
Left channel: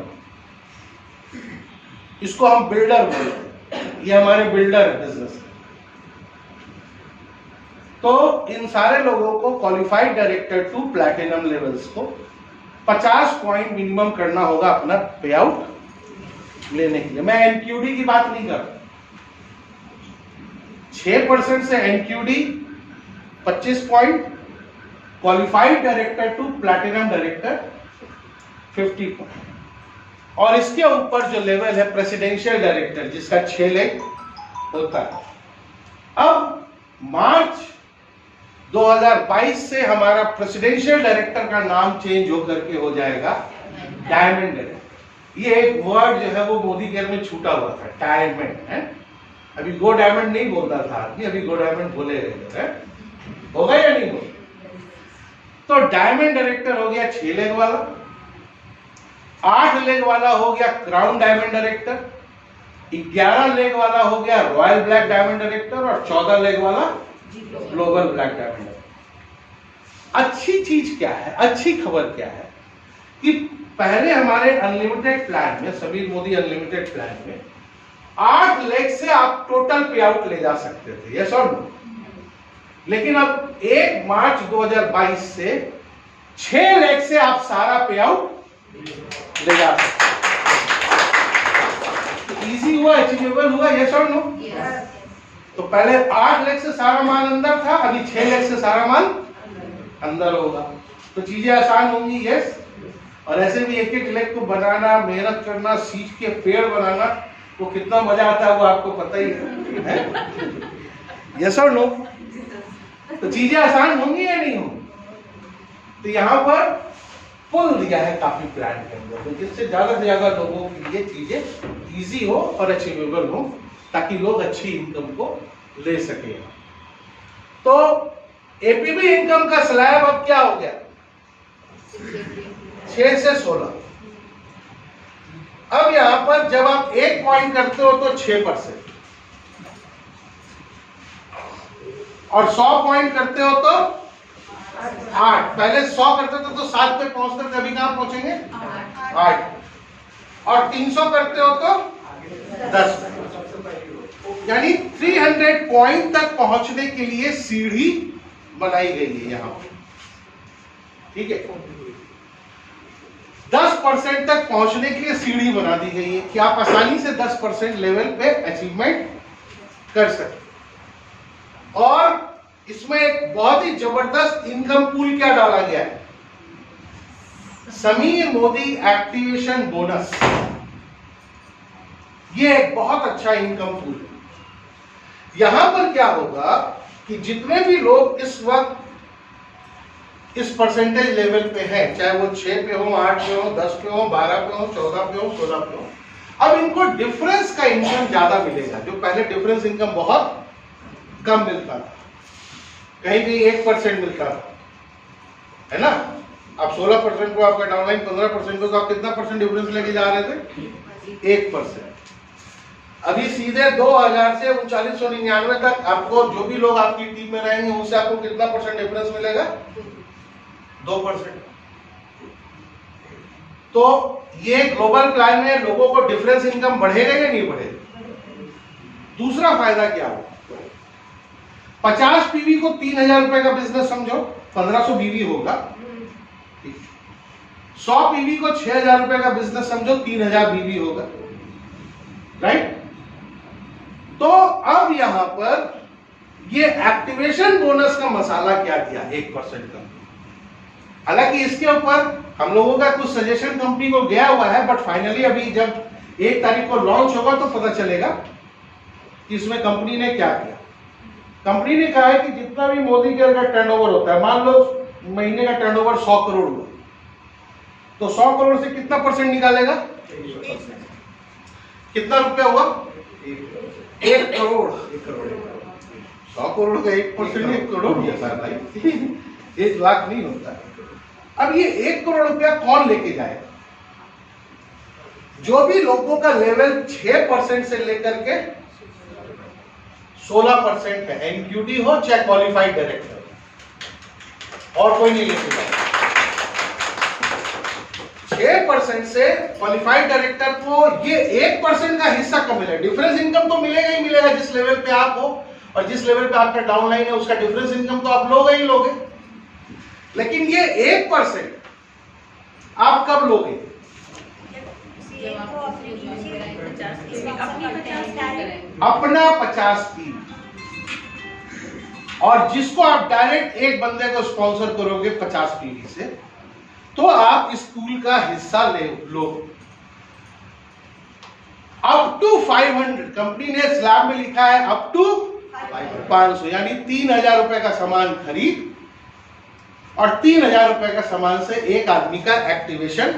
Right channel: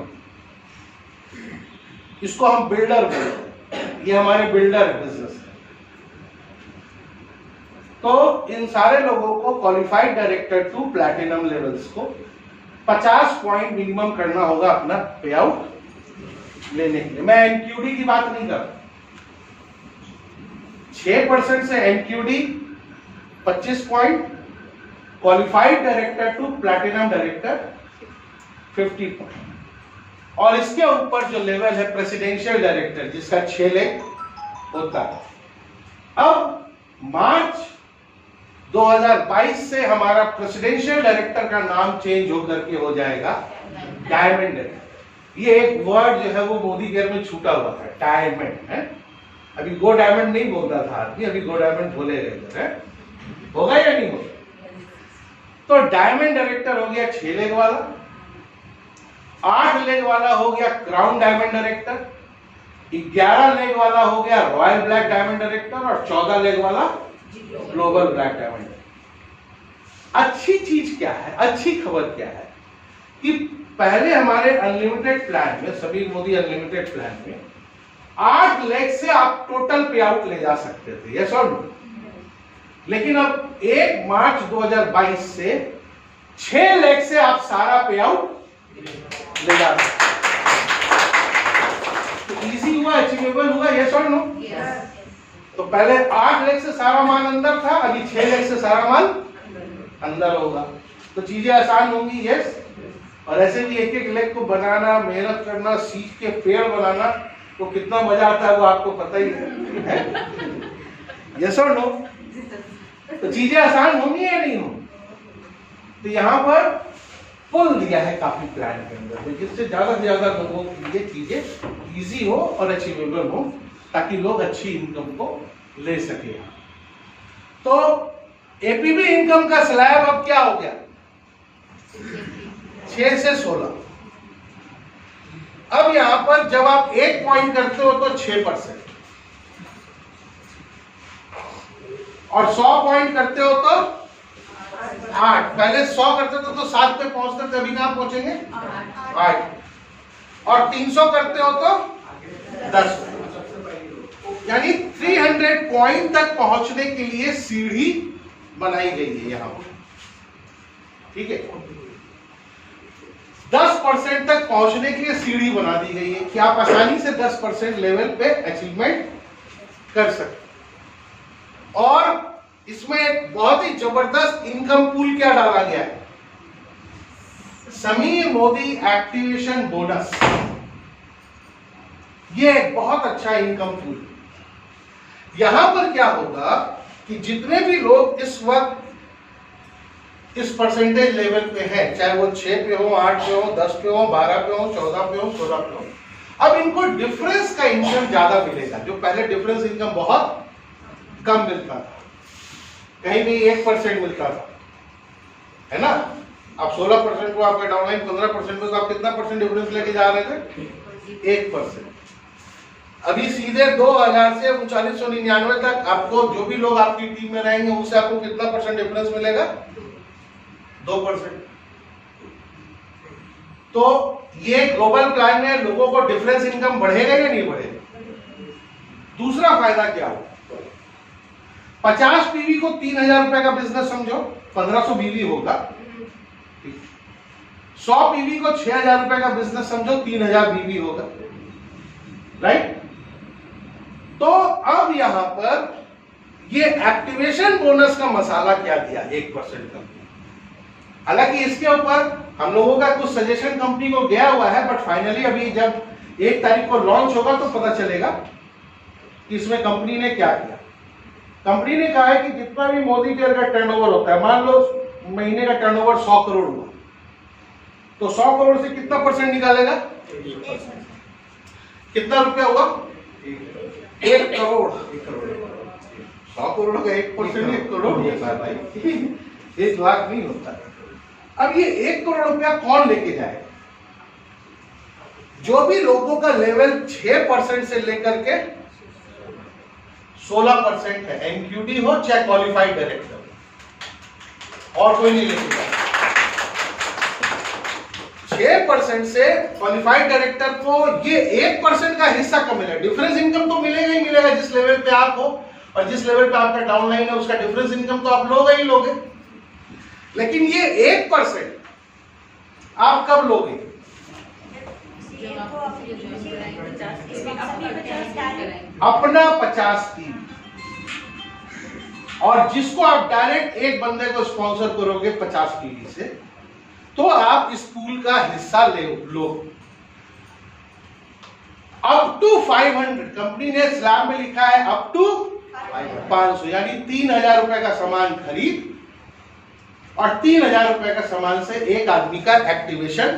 इसको हम बिल्डर बोलते हैं। ये हमारे बिल्डर बिजनेस है। तो इन सारे लोगों को qualified director to platinum levels को 50 पॉइंट मिनिमम करना होगा अपना पे आउट लेने के लिए। मैं एनक्यूडी की बात नहीं कर रहा। 6% से NQD 25 point, qualified director to platinum director 50 point, और इसके ऊपर जो लेवल है प्रेसिडेंशियल डायरेक्टर जिसका 6 लेग होता है। अब मार्च 2022 से हमारा प्रेसिडेंशियल डायरेक्टर का नाम चेंज होकर के हो जाएगा डायमंड डायरेक्टर। ये एक वर्ड जो है वो मोदी केयर में छूटा हुआ था, डायमंड है। अभी गो डायमंड नहीं बोल रहा था आदमी, अभी गो डायमंड बोलेगा। होगा या नहीं होगा? तो डायमंड डायरेक्टर हो गया 6 लेग वाला, 8 लेग वाला हो गया क्राउन डायमंड डायरेक्टर, 11 लेग वाला हो गया रॉयल ब्लैक डायमंड डायरेक्टर, और 14 लेग वाला ग्लोबल ब्लैक डायमंड डायरेक्टर। अच्छी चीज क्या है, अच्छी खबर क्या है कि पहले हमारे अनलिमिटेड प्लान में, समीर मोदी अनलिमिटेड प्लान में 8 लेग से आप टोटल पे आउट ले जा सकते थे, यस और नो? लेकिन अब 1 मार्च 2022 से 6 लेग से आप सारा पे आउट ले जा सकते। तो इजी हुआ, अचीवेबल हुआ, यस और नो? तो पहले 8 लेग से सारा माल अंदर था, अभी 6 लेग से सारा माल अंदर होगा। तो चीजें आसान होंगी, यस। और ऐसे भी एक एक लेग को बनाना, मेहनत करना, सीख के पेड़ बनाना, तो कितना मजा आता है वो आपको पता ही है, यस और नो? तो चीजें आसान होंगी या नहीं होंगी? तो यहां पर पुल दिया है काफी प्लान के अंदर, जिससे ज्यादा से ज्यादा लोगों के लिए चीजें इजी हो और अचीवेबल हो, ताकि लोग अच्छी इनकम को ले सके। तो एपीबी इनकम का स्लैब अब क्या हो गया? 6 से 16। अब यहां पर जब आप 1 पॉइंट करते हो तो 6%, और 100 पॉइंट करते हो तो 8। पहले 100 करते थे तो 7 पे पहुंचते थे, अभी कहां पहुंचेंगे? 8। और 300 करते हो तो 10, यानी 300 पॉइंट तक पहुंचने के लिए सीढ़ी बनाई गई है यहां पर, ठीक है? 10% तक पहुंचने के लिए सीढ़ी बना दी गई है कि आप आसानी से 10% लेवल पे अचीवमेंट कर सकते। और इसमें एक बहुत ही जबरदस्त इनकम पूल क्या डाला गया है? Sameer Modi activation bonus. ये एक बहुत अच्छा इनकम पूल। यहां पर क्या होगा कि जितने भी लोग इस वक्त इस परसेंटेज लेवल पे हैं, चाहे वो 6 पे हो, 8 पे हो, 10 पे हो, 12 पे हो, 14 पे हो, 16 पे हो, अब इनको डिफरेंस का इनकम ज्यादा मिलेगा। जो पहले डिफरेंस इनकम बहुत कम मिलता था, कहीं भी 1% मिलता था, है ना। अब 16% को आपका डाउनलाइन 15% पे, तो आप कितना परसेंट डिफरेंस लेके जा रहे थे? 1%। अभी सीधे 2000 से 3999 तक आपको जो भी लोग आपकी टीम में रहेंगे उनसे आपको कितना परसेंट डिफरेंस मिलेगा? 2%। तो ये ग्लोबल प्लान में लोगों को डिफरेंस इनकम बढ़ेगा या नहीं बढ़ेगा? दूसरा फायदा क्या होगा? 50 पीवी को 3000 रुपए का बिजनेस समझो, 1500 बीवी होगा। 100 पीवी को 6000 रुपए का बिजनेस समझो, 3000 बीवी होगा, राइट। तो अब यहां पर ये एक्टिवेशन बोनस का मसाला क्या दिया? 1% का। हालांकि इसके ऊपर हम लोगों का कुछ सजेशन कंपनी को गया हुआ है, बट फाइनली अभी जब 1 तारीख को लॉन्च होगा तो पता चलेगा कि इसमें कंपनी ने क्या किया। कंपनी ने कहा है कि जितना भी मोदी केयर का टर्नओवर होता है, मान लो महीने का टर्नओवर 100 करोड़ हुआ, तो 100 करोड़ से कितना परसेंट निकालेगा? कितना रुपया हुआ? 1 करोड़। 100 करोड़ का 1% 1 करोड़ होता है भाई, 1 लाख नहीं होता। अब ये 1 करोड़ रुपया कौन लेके जाएगा? जो भी लोगों का लेवल 6% से लेकर के 16% है, एनक्यूडी हो चाहे क्वालिफाइड डायरेक्टर, और कोई नहीं लेके जाएगा। 6% से क्वालिफाइड डायरेक्टर को ये 1% का हिस्सा कम मिलेगा। डिफरेंस इनकम तो मिलेगा ही मिलेगा जिस लेवल पे आप हो, और जिस लेवल पे आपका डाउनलाइन है उसका डिफरेंस इनकम तो आप लोगे ही लोगे। लेकिन ये 1% आप कब लोगे? अपना 50 टीम, और जिसको आप डायरेक्ट एक बंदे को स्पॉन्सर करोगे 50 टीवी से, तो आप इस पूल का हिस्सा ले लो। अप टू 500, कंपनी ने स्लैब में लिखा है अप टू 500, यानी 3000 रुपए का सामान खरीद और 3000 रुपए का सामान से एक आदमी का एक्टिवेशन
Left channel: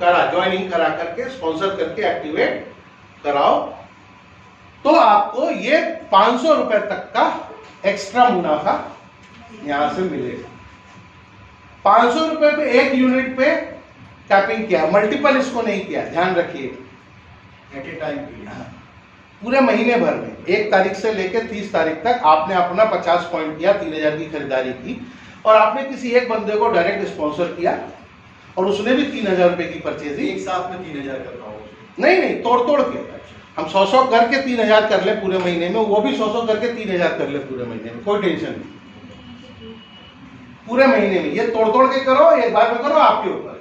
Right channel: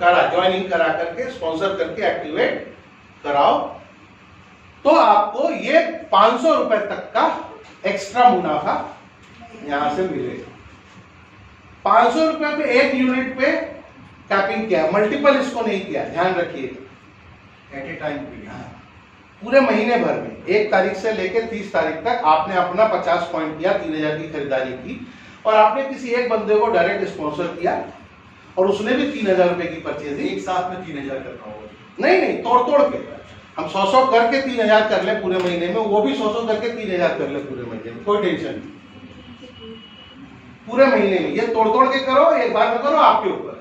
करा, ज्वाइनिंग करा करके, स्पॉन्सर करके एक्टिवेट कराओ, तो आपको ये 500 रुपए तक का एक्स्ट्रा मुनाफा यहां से मिलेगा। 500 रुपए पे एक यूनिट पे कैपिंग किया, मल्टीपल इसको नहीं किया, ध्यान रखिए। एट ए टाइम पूरे महीने भर में 1 तारीख से लेकर 30 तारीख तक आपने अपना 50 पॉइंट किया, 3000 की खरीदारी की, और आपने किसी एक बंदे को डायरेक्ट स्पॉन्सर किया और उसने भी 3000 रुपए की परचेज दी। एक साथ में 3000 कर रहा हूँ? नहीं, तोड़ के हम 100 करके 3000 कर ले पूरे महीने में, वो भी 100 करके 3000 कर ले पूरे महीने में, कोई टेंशन नहीं। पूरे महीने में ये तोड़ के करो, एक बार में करो, आपके ऊपर।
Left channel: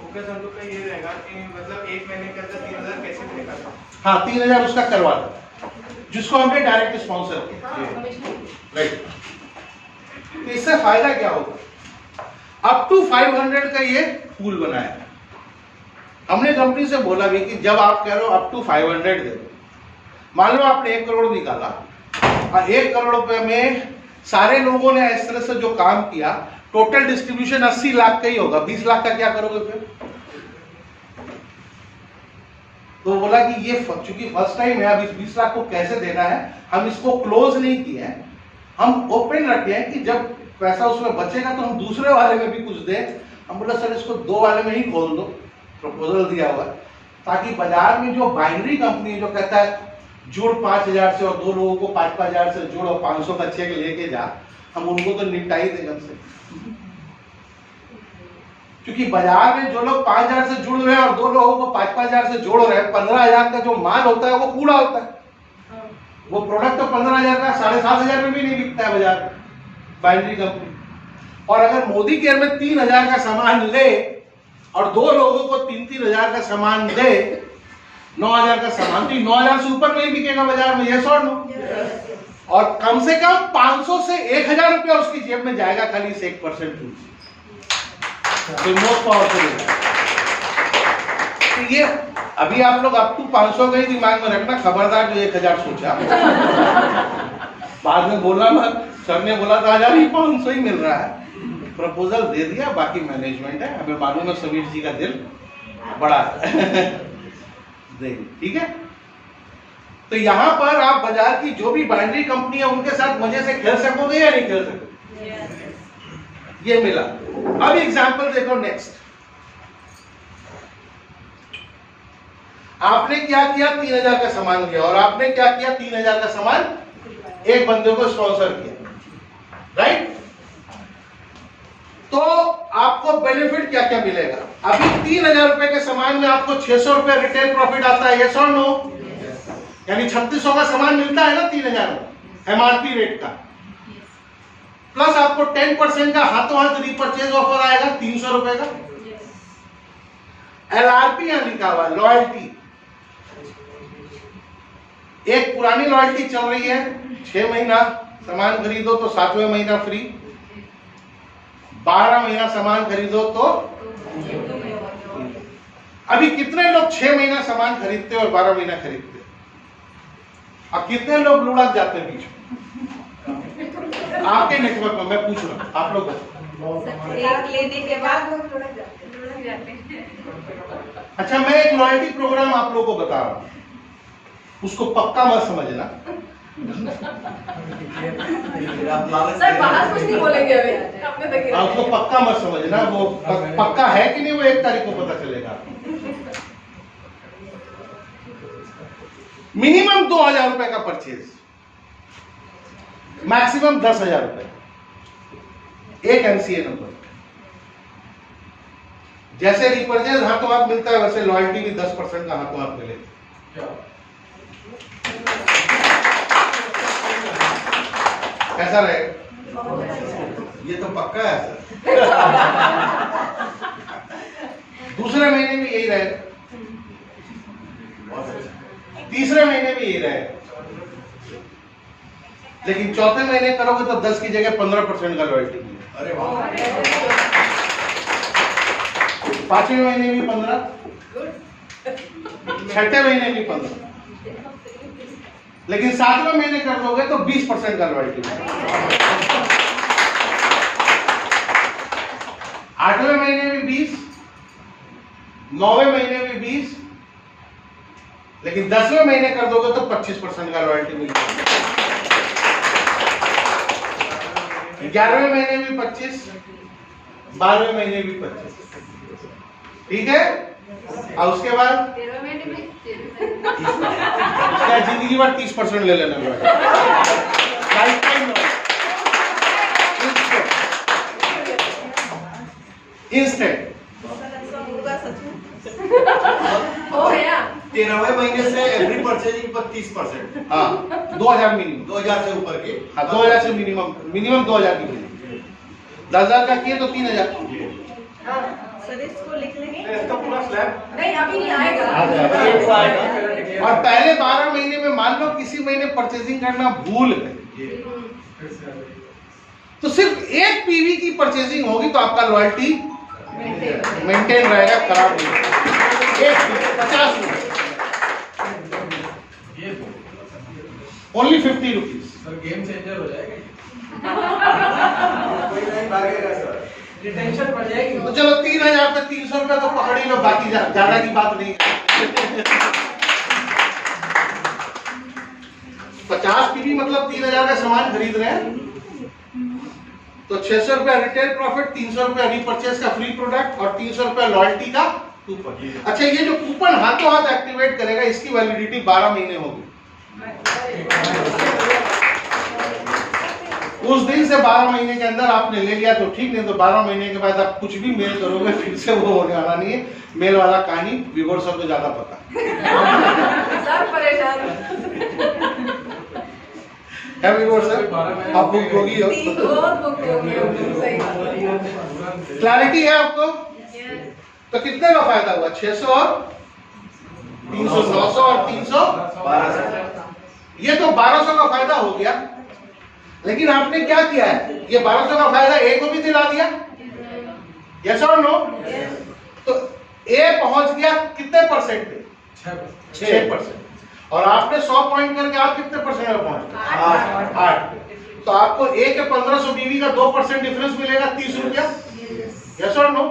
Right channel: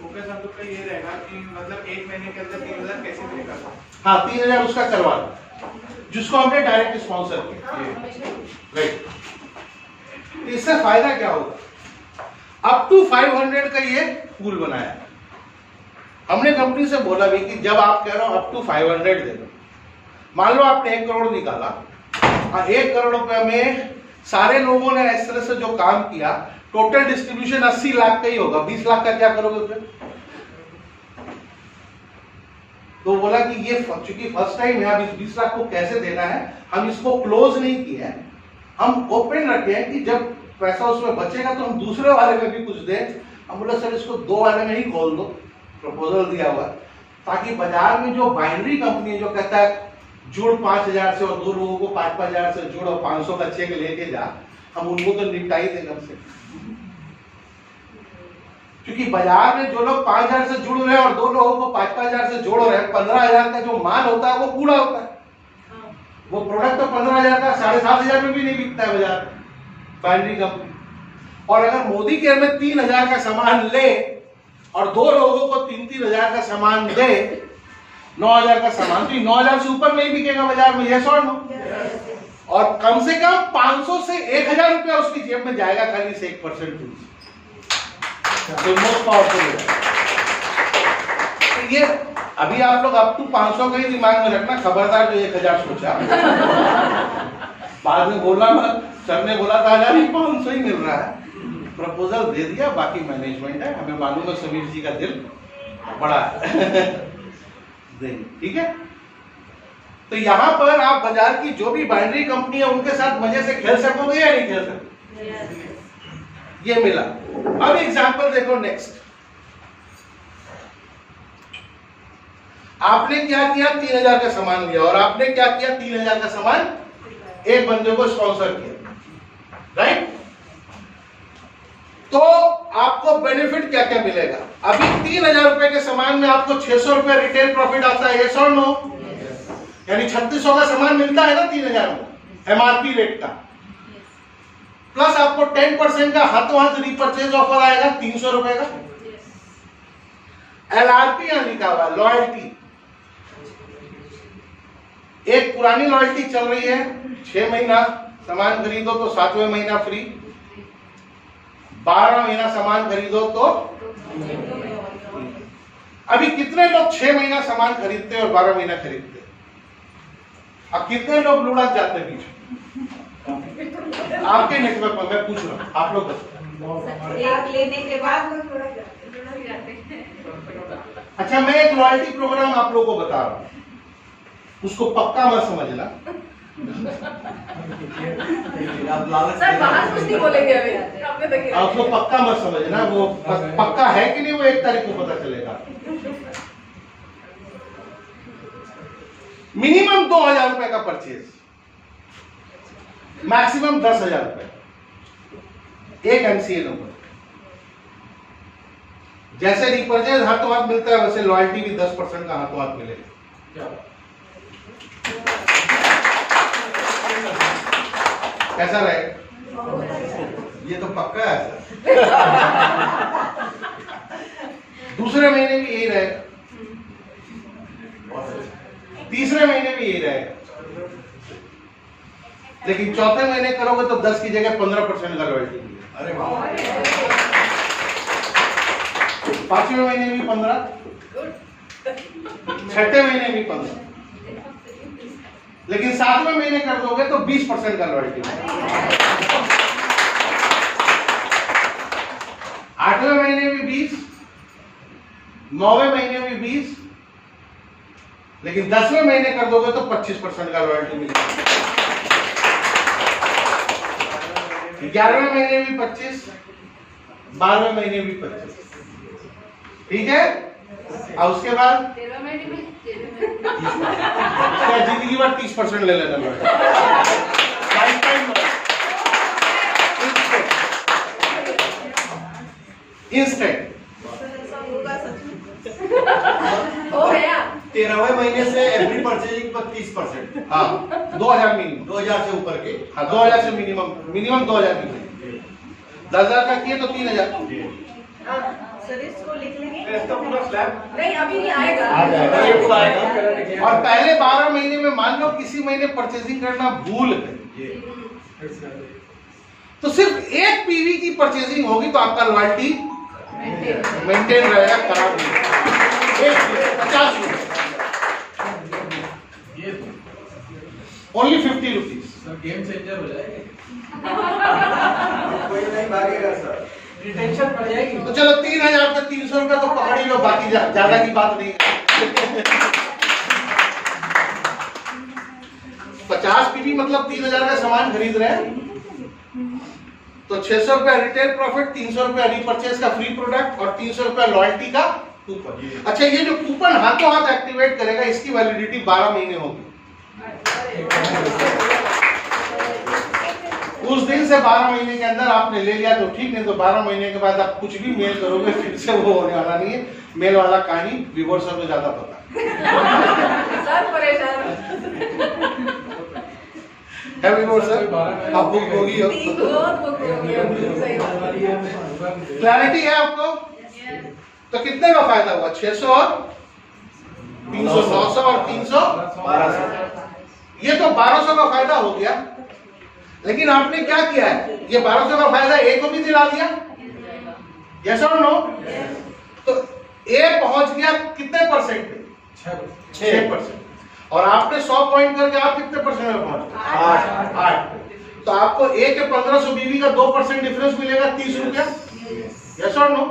फोकस हम लोग का ये रहेगा कि मतलब एक महीने के अंदर 3000 कैसे मिलेगा? हाँ, 3000 उसका करवा लो, जिसको हमने डायरेक्ट स्पॉन्सर किया, राइट। इससे फायदा क्या होगा? अप टू 500 का ये पूल बनाया। हमने कंपनी से बोला भी कि जब आप कह रहे हो अप टू 500 दे दो, मान लो आपने 1 करोड़ निकाला और 1 करोड़ रुपए में सारे लोगों ने इस तरह से जो काम किया, टोटल डिस्ट्रीब्यूशन 80 लाख का ही होगा। 20 लाख का क्या करोगे फिर? तो बोला कि ये चूंकि फर्स्ट टाइम है, अब इस 20 लाख को कैसे देना है, हम इसको क्लोज नहीं किया है, हम ओपन रखे हैं कि जब पैसा उसमें बचेगा तो हम दूसरे वाले में भी कुछ दें। हम बोला सर इसको 2 वाले में ही खोल दो, प्रपोजल दिया हुआ, ताकि बाजार में जो बाइनरी कंपनी जो कहता है जोड़ 5000 से और 2 लोगों को 5-5000 से जोड़ो, 500 का चेक लेके जा, हम उनको तो निपटाई देगा से। क्योंकि बाजार में जो लोग 5000 से जुड़ रहे हैं और 2 लोगों को 5-5000 से जोड़ रहे हैं, 15000 का जो माल होता है वो कूड़ा होता है। वो प्रोडक्ट तो 15000 का 7500 में भी नहीं बिकता है बाजार में, बाइनरी कंपनी। और अगर मोदी केयर में 3000 का सामान ले और 2 लोगों को 3-3000 का सामान दे, 9000 का सामान, तो 9000 से ऊपर नहीं बिकेगा बाजार में, यस और नो? और कम से कम 500 से 1000 रुपया उसकी जेब में जाएगा खाली से 1% मोस्ट पावरफुल। ये अभी आप लोग अप टू 500 का ही दिमाग में रखना, खबरदार जो 1000 सोचा बाद में बोला मत। सर ने बोला था 500 ही मिल रहा है, प्रपोजल दे दिया, बाकी मैनेजमेंट है। हमें मालूम है समीर जी का दिल बड़ा है ठीक है। तो यहाँ पर आप बाजार की जो भी बाइनरी कंपनी है उनके साथ मजे से खेल सकोगे या नहीं खेल सकोगे? ये मिला। अब एग्जांपल देखो नेक्स्ट। आपने क्या किया, 3000 का सामान लिया, और आपने क्या किया, 3000 का सामान एक बंदे को स्पॉन्सर किया, राइट? तो आपको बेनिफिट क्या क्या मिलेगा? अभी 3000 रुपए के सामान में आपको 600 रुपए रिटेल प्रॉफिट आता है, यस और नो? यानी 3600 का सामान मिलता है ना 3000 में एमआरपी रेट का, प्लस आपको 10% का हाथों हाथ रीपरचेज ऑफर आएगा 300 रुपए का। एलआरपी यहां लिखा हुआ है, लॉयल्टी। एक पुरानी लॉयल्टी चल रही है, 6 महीना सामान खरीदो तो 7वें महीना फ्री, 12 महीना सामान खरीदो तो। अभी कितने लोग 6 महीना सामान खरीदते हैं और 12 महीना खरीदते हैं? अब कितने लोग लुढ़क जाते हैं बीच? आपके नेटवर्क में मैं पूछ रहा हूं, आप लोग एक लेने के बाद अच्छा, मैं एक लॉयल्टी प्रोग्राम आप लोगों को बता रहा हूं, उसको पक्का मत समझना। सर बाहर कुछ नहीं बोलेंगे अभी, आपने देखिए। आप उसको पक्का मत समझना, वो पक्का है कि नहीं वो 1 तारीख को पता चलेगा। मिनिमम 2000 रुपए का परचेज, मैक्सिमम 10,000 रुपए एक एमसीए नंबर। जैसे रिपरचेज हाथों हाथ मिलता है वैसे लॉयल्टी भी 10% का हाथों हाथ मिलेगा। कैसा रहेगा? ये तो पक्का है सर। दूसरे महीने भी यही रहेगा, तीसरे महीने भी यही रहेगा, लेकिन चौथे महीने करोगे तो 10 की जगह 15% का लॉयल्टी मिलेगा। अरे वाह। 5वें महीने भी 15, 6ठे महीने भी 15, लेकिन 7वें महीने कर दोगे तो 20% का लॉयल्टी मिलेगा। 8वें महीने में 20, 9वें महीने में 20, लेकिन 10वें महीने कर दोगे तो 25% का लॉयल्टी मिलेगा। 11वें महीने भी 25, 12वें महीने भी 25, ठीक है। और उसके बाद 13वें महीने में क्या जिंदगी भर 30% ले लेना इंस्टेंट हो गया। 13वें महीने से एवरी परचेजिंग पर 30%। हाँ, 2000 मिनिमम, 2000 से ऊपर के। हाँ 2000 से मिनिमम 2000 की मिनिमम। 10,000 का किए तो 3000। सर इसको लिख लेंगे। नहीं अभी नहीं आएगा। आ जाएगा। और पहले 12 महीने में मान लो किसी महीने परचेजिंग करना भूल गए तो सिर्फ एक पीवी की परचेजिंग होगी तो आपका लॉयल्टी मेंटेन रहेगा, खराब नहीं। एक 50 ओनली 50 रुपीज। गेम चेंजर हो जाएगा। कोई नहीं भागेगा सर। रिटेंशन बढ़ जाएगी। तो चलो 3000 पे 300 रुपया तो पकड़ ही लो, बाकी ज्यादा की बात नहीं है। 50 पीवी मतलब 3000 का सामान खरीद रहे हैं तो 600 रुपया रिटेल प्रॉफिट, 300 रुपया रीपरचेज का फ्री प्रोडक्ट और 300 रुपया लॉयल्टी का कूपन। अच्छा, ये जो कूपन हाथों हाथ एक्टिवेट करेगा इसकी वैलिडिटी 12 महीने होगी। उस दिन से 12 महीने के अंदर आपने ले लिया तो ठीक, नहीं तो 12 महीने के बाद आप कुछ भी मेल करोगे फिर से वो होने वाला नहीं है। मेल वाला कहानी व्यूअर्स को ज्यादा पता सब परेशान। है व्यूअर्स, आप बुक होगी बहुत बुक होगी अब सही बात। क्लैरिटी है आपको? तो कितने का फायदा हुआ? 600 और 300, 900 और 300, 1200। ये तो 1200 का फायदा हो गया, लेकिन आपने क्या किया है, ये 1200 का फायदा ए को भी दिला दिया, यस और नो? तो ए पहुंच गया कितने परसेंट पे? 6%। और आपने 100 पॉइंट करके आप कितने परसेंट में पहुंच? 8। तो आपको ए के 1500 बीवी का 2% डिफरेंस मिलेगा 30 रुपया, यस और नो?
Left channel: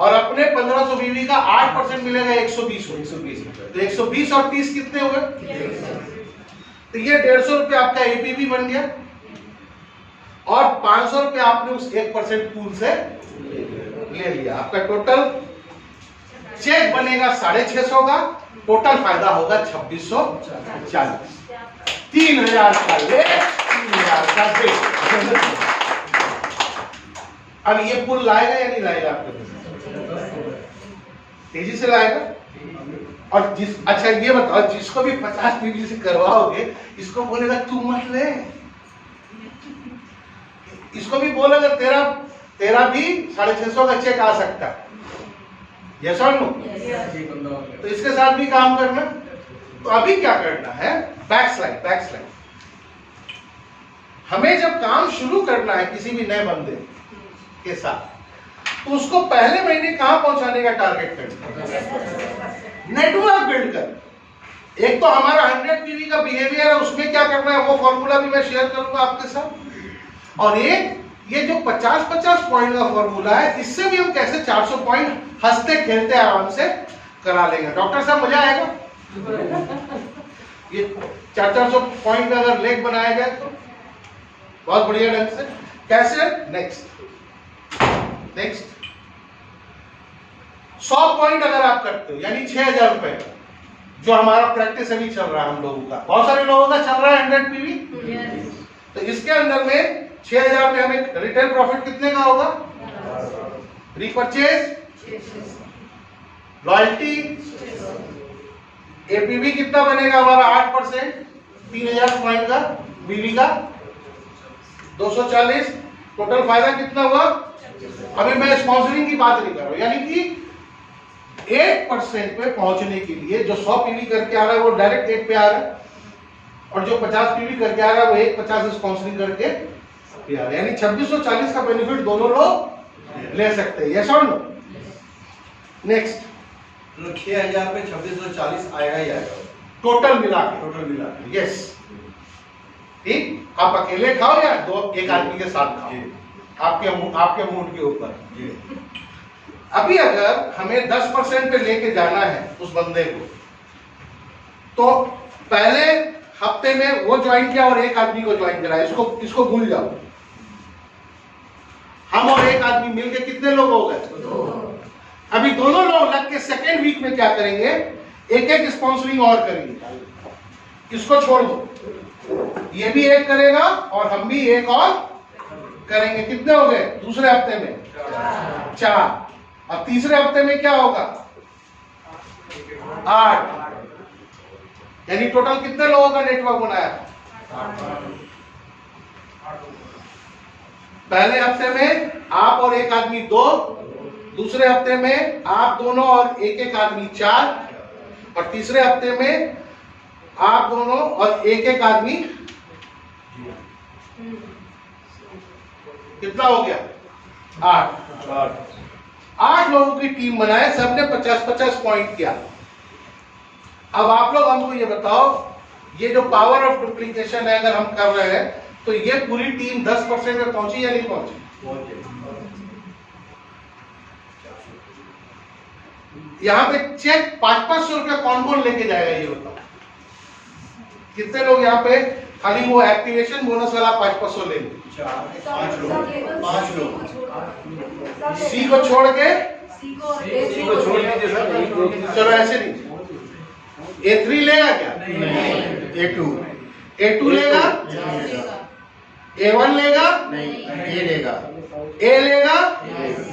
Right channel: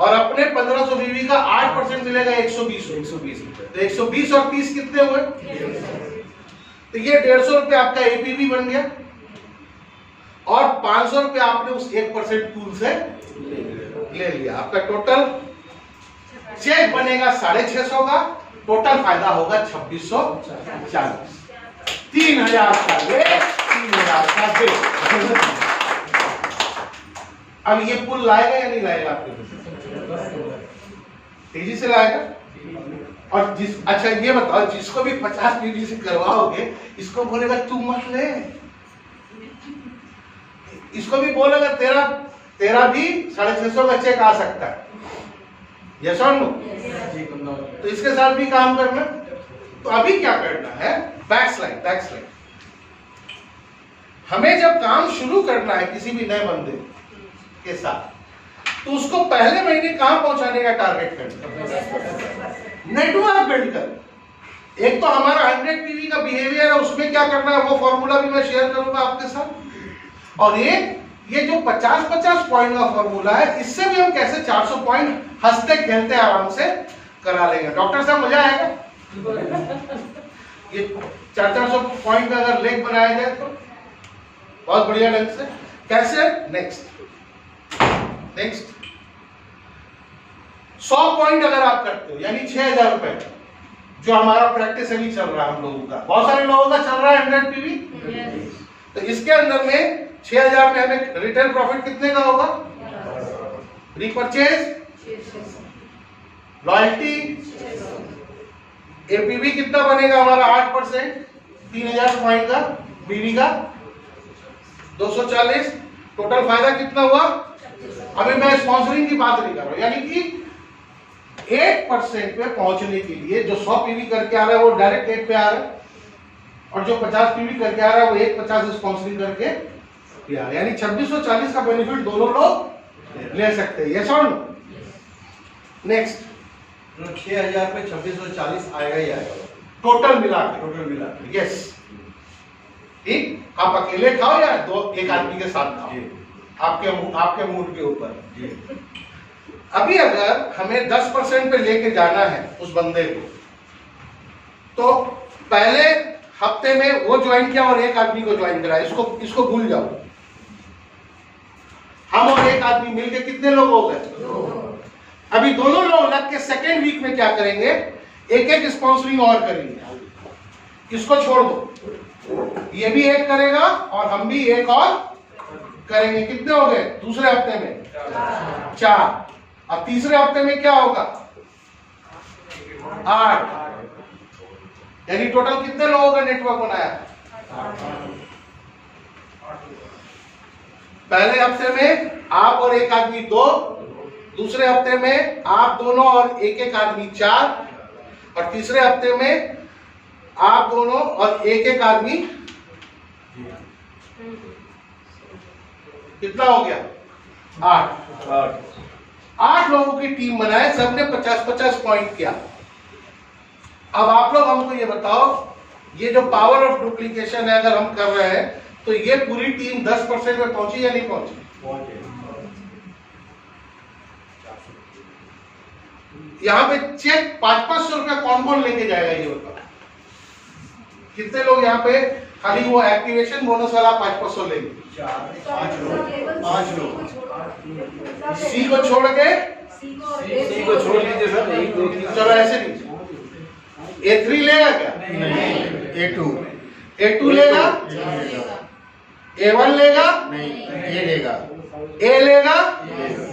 और अपने 1500 बीवी का 8% मिलेगा 120 रुपये। तो 120 और 30 कितने हुए? तो ये 150 रुपये आपका एपीवी बन गया और 500 रुपये आपने उस 1% पूल से ले लिया। आपका टोटल चेक बनेगा 650 का, टोटल फायदा होगा 2640। 3000 का ले, 3000 का दे। अब ये पुल लाएगा या नहीं लाएगा आपके पास? तेजी से लाएगा। और अच्छा ये बताओ, जिसको भी 50 पीवी से करवाओगे इसको बोलेगा तू मत ले, इसको भी बोलेगा तेरा भी 650 का चेक आ सकता है, यस और नो? तो इसके साथ भी काम करना। तो अभी क्या करना है? बैकस्लाइड। हमें जब काम शुरू करना है किसी भी नए बंदे के साथ, तो उसको पहले महीने कहां पहुंचाने का टारगेट करना? नेटवर्क बिल्ड कर। एक तो हमारा 100 पीवी का बिहेवियर है, उसमें क्या करना है वो फॉर्मूला भी मैं शेयर करूंगा आपके साथ। और एक ये जो 50-50 पॉइंट का फॉर्मूला है, इससे भी हम कैसे 400 पॉइंट हंसते खेलते आराम से करा लेंगे। डॉक्टर साहब मजा आएगा? ये 400 पॉइंट का अगर लेग बनाया जाए तो बहुत बढ़िया ढंग से। कैसे? नेक्स्ट 100 पॉइंट अगर आप करते हो यानी 6000 रुपए, जो हमारा प्रैक्टिस अभी चल रहा है हम लोगों का, बहुत सारे लोगों का चल रहा है 100 पीवी। तो इसके अंदर में 6000 में हमें रिटेल प्रॉफिट कितने का होगा? रिपर्चेज, लॉयल्टी, एपीवी कितना बनेगा हमारा? 8%, 3000 पॉइंट का, बीवी का 240। टोटल फायदा कितना हुआ? अभी मैं स्पॉन्सरिंग की बात नहीं कर रहा हूं, यानी कि 8% पे पहुंचने के लिए जो 100 पीवी करके आ रहा है वो डायरेक्ट 8 पे आ रहा है, और जो 50 पीवी करके आ रहा है वो 150 स्पॉन्सरिंग करके आ रहा है। यानी 2640 का बेनिफिट दोनों लोग ले सकते हैं, यस और नो? नेक्स्ट, तो 6000 पे 2640 आएगा ही आएगा टोटल मिला के, यस। ठीक, आप अकेले खाओ या एक आदमी के साथ खाओ, आपके मूड के ऊपर। अभी अगर हमें 10% पे लेके जाना है उस बंदे को, तो पहले हफ्ते में वो ज्वाइन किया और एक आदमी को ज्वाइन कराया, इसको भूल जाओ। हम और एक आदमी मिलके कितने लोग हो गए? अभी दोनों लोग लग के सेकेंड वीक में क्या करेंगे? एक स्पॉन्सरिंग और करेंगे। इसको छोड़ दो, ये भी एक करेगा और हम भी एक और करेंगे। कितने हो गए? दूसरे हफ्ते में 4। अब तीसरे हफ्ते में क्या होगा? 8। यानी टोटल कितने लोगों का नेटवर्क बनाया? पहले हफ्ते में आप और एक आदमी 2, दूसरे हफ्ते में आप दोनों और एक आदमी 4, और तीसरे हफ्ते में आप दोनों और एक आदमी। कितना हो गया? 8 लोगों की टीम बनाए, सबने 50-50 पॉइंट किया। अब आप लोग हमको ये बताओ, ये जो पावर ऑफ डुप्लीकेशन है अगर हम कर रहे हैं, तो ये पूरी टीम 10% में पहुंची या नहीं पहुंची? यहाँ पे चेक 500-500 रुपया कौन लेके जाएगा ये बताओ? कितने लोग यहाँ पे खाली वो एक्टिवेशन बोनस वाला 500 ले लो? 5 लोग। सी को छोड़ के, सी को छोड़ दीजिए सर, 1 2 3। चलो ऐसे नहीं, A3 लेगा क्या? नहीं। A2 लेगा? A1 लेगा? नहीं, ये लेगा। A लेगा?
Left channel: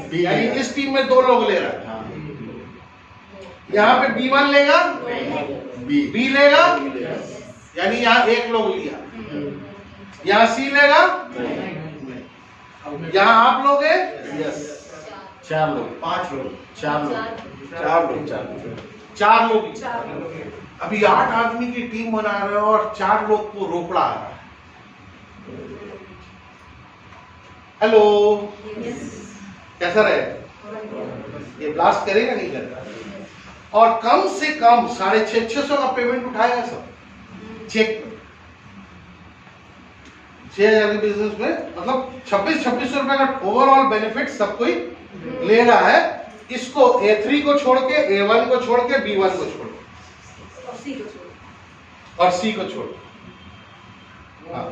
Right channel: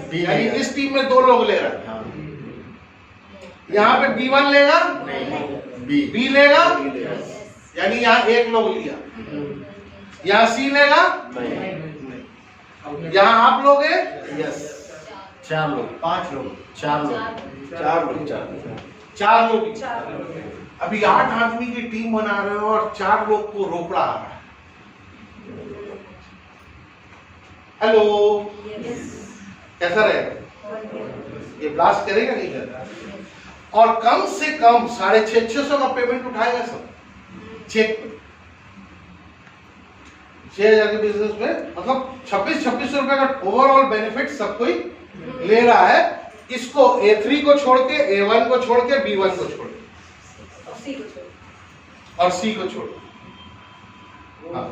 B यानी लेगा। इस टीम में 2 लोग ले रहे हैं। हाँ। यहाँ पे B1 लेगा? B B लेगा? लेगा। यानी यहाँ 1 लोग लिया। यहाँ C लेगा? नहीं। यहाँ आप लोग हैं? यस। 4 लोग, 5 लोग, 4 लोग, 4 लोग। अभी 8 आदमी की टीम बना रहे हो और 4 लोग को रोकड़ा आ रहा है। हेलो, कैसा रहेगा? ये लास्ट करेगा नहीं करेगा, और कम से कम 650 का पेमेंट उठाएगा सब चेक पे। 6000 के बिजनेस में मतलब 2600 रुपए का ओवरऑल बेनिफिट सब कोई ले रहा है। इसको A3 को छोड़ के, A1 को छोड़ के, B1 को छोड़ के और सी को छोड़ और C को छोड़ के। हाँ।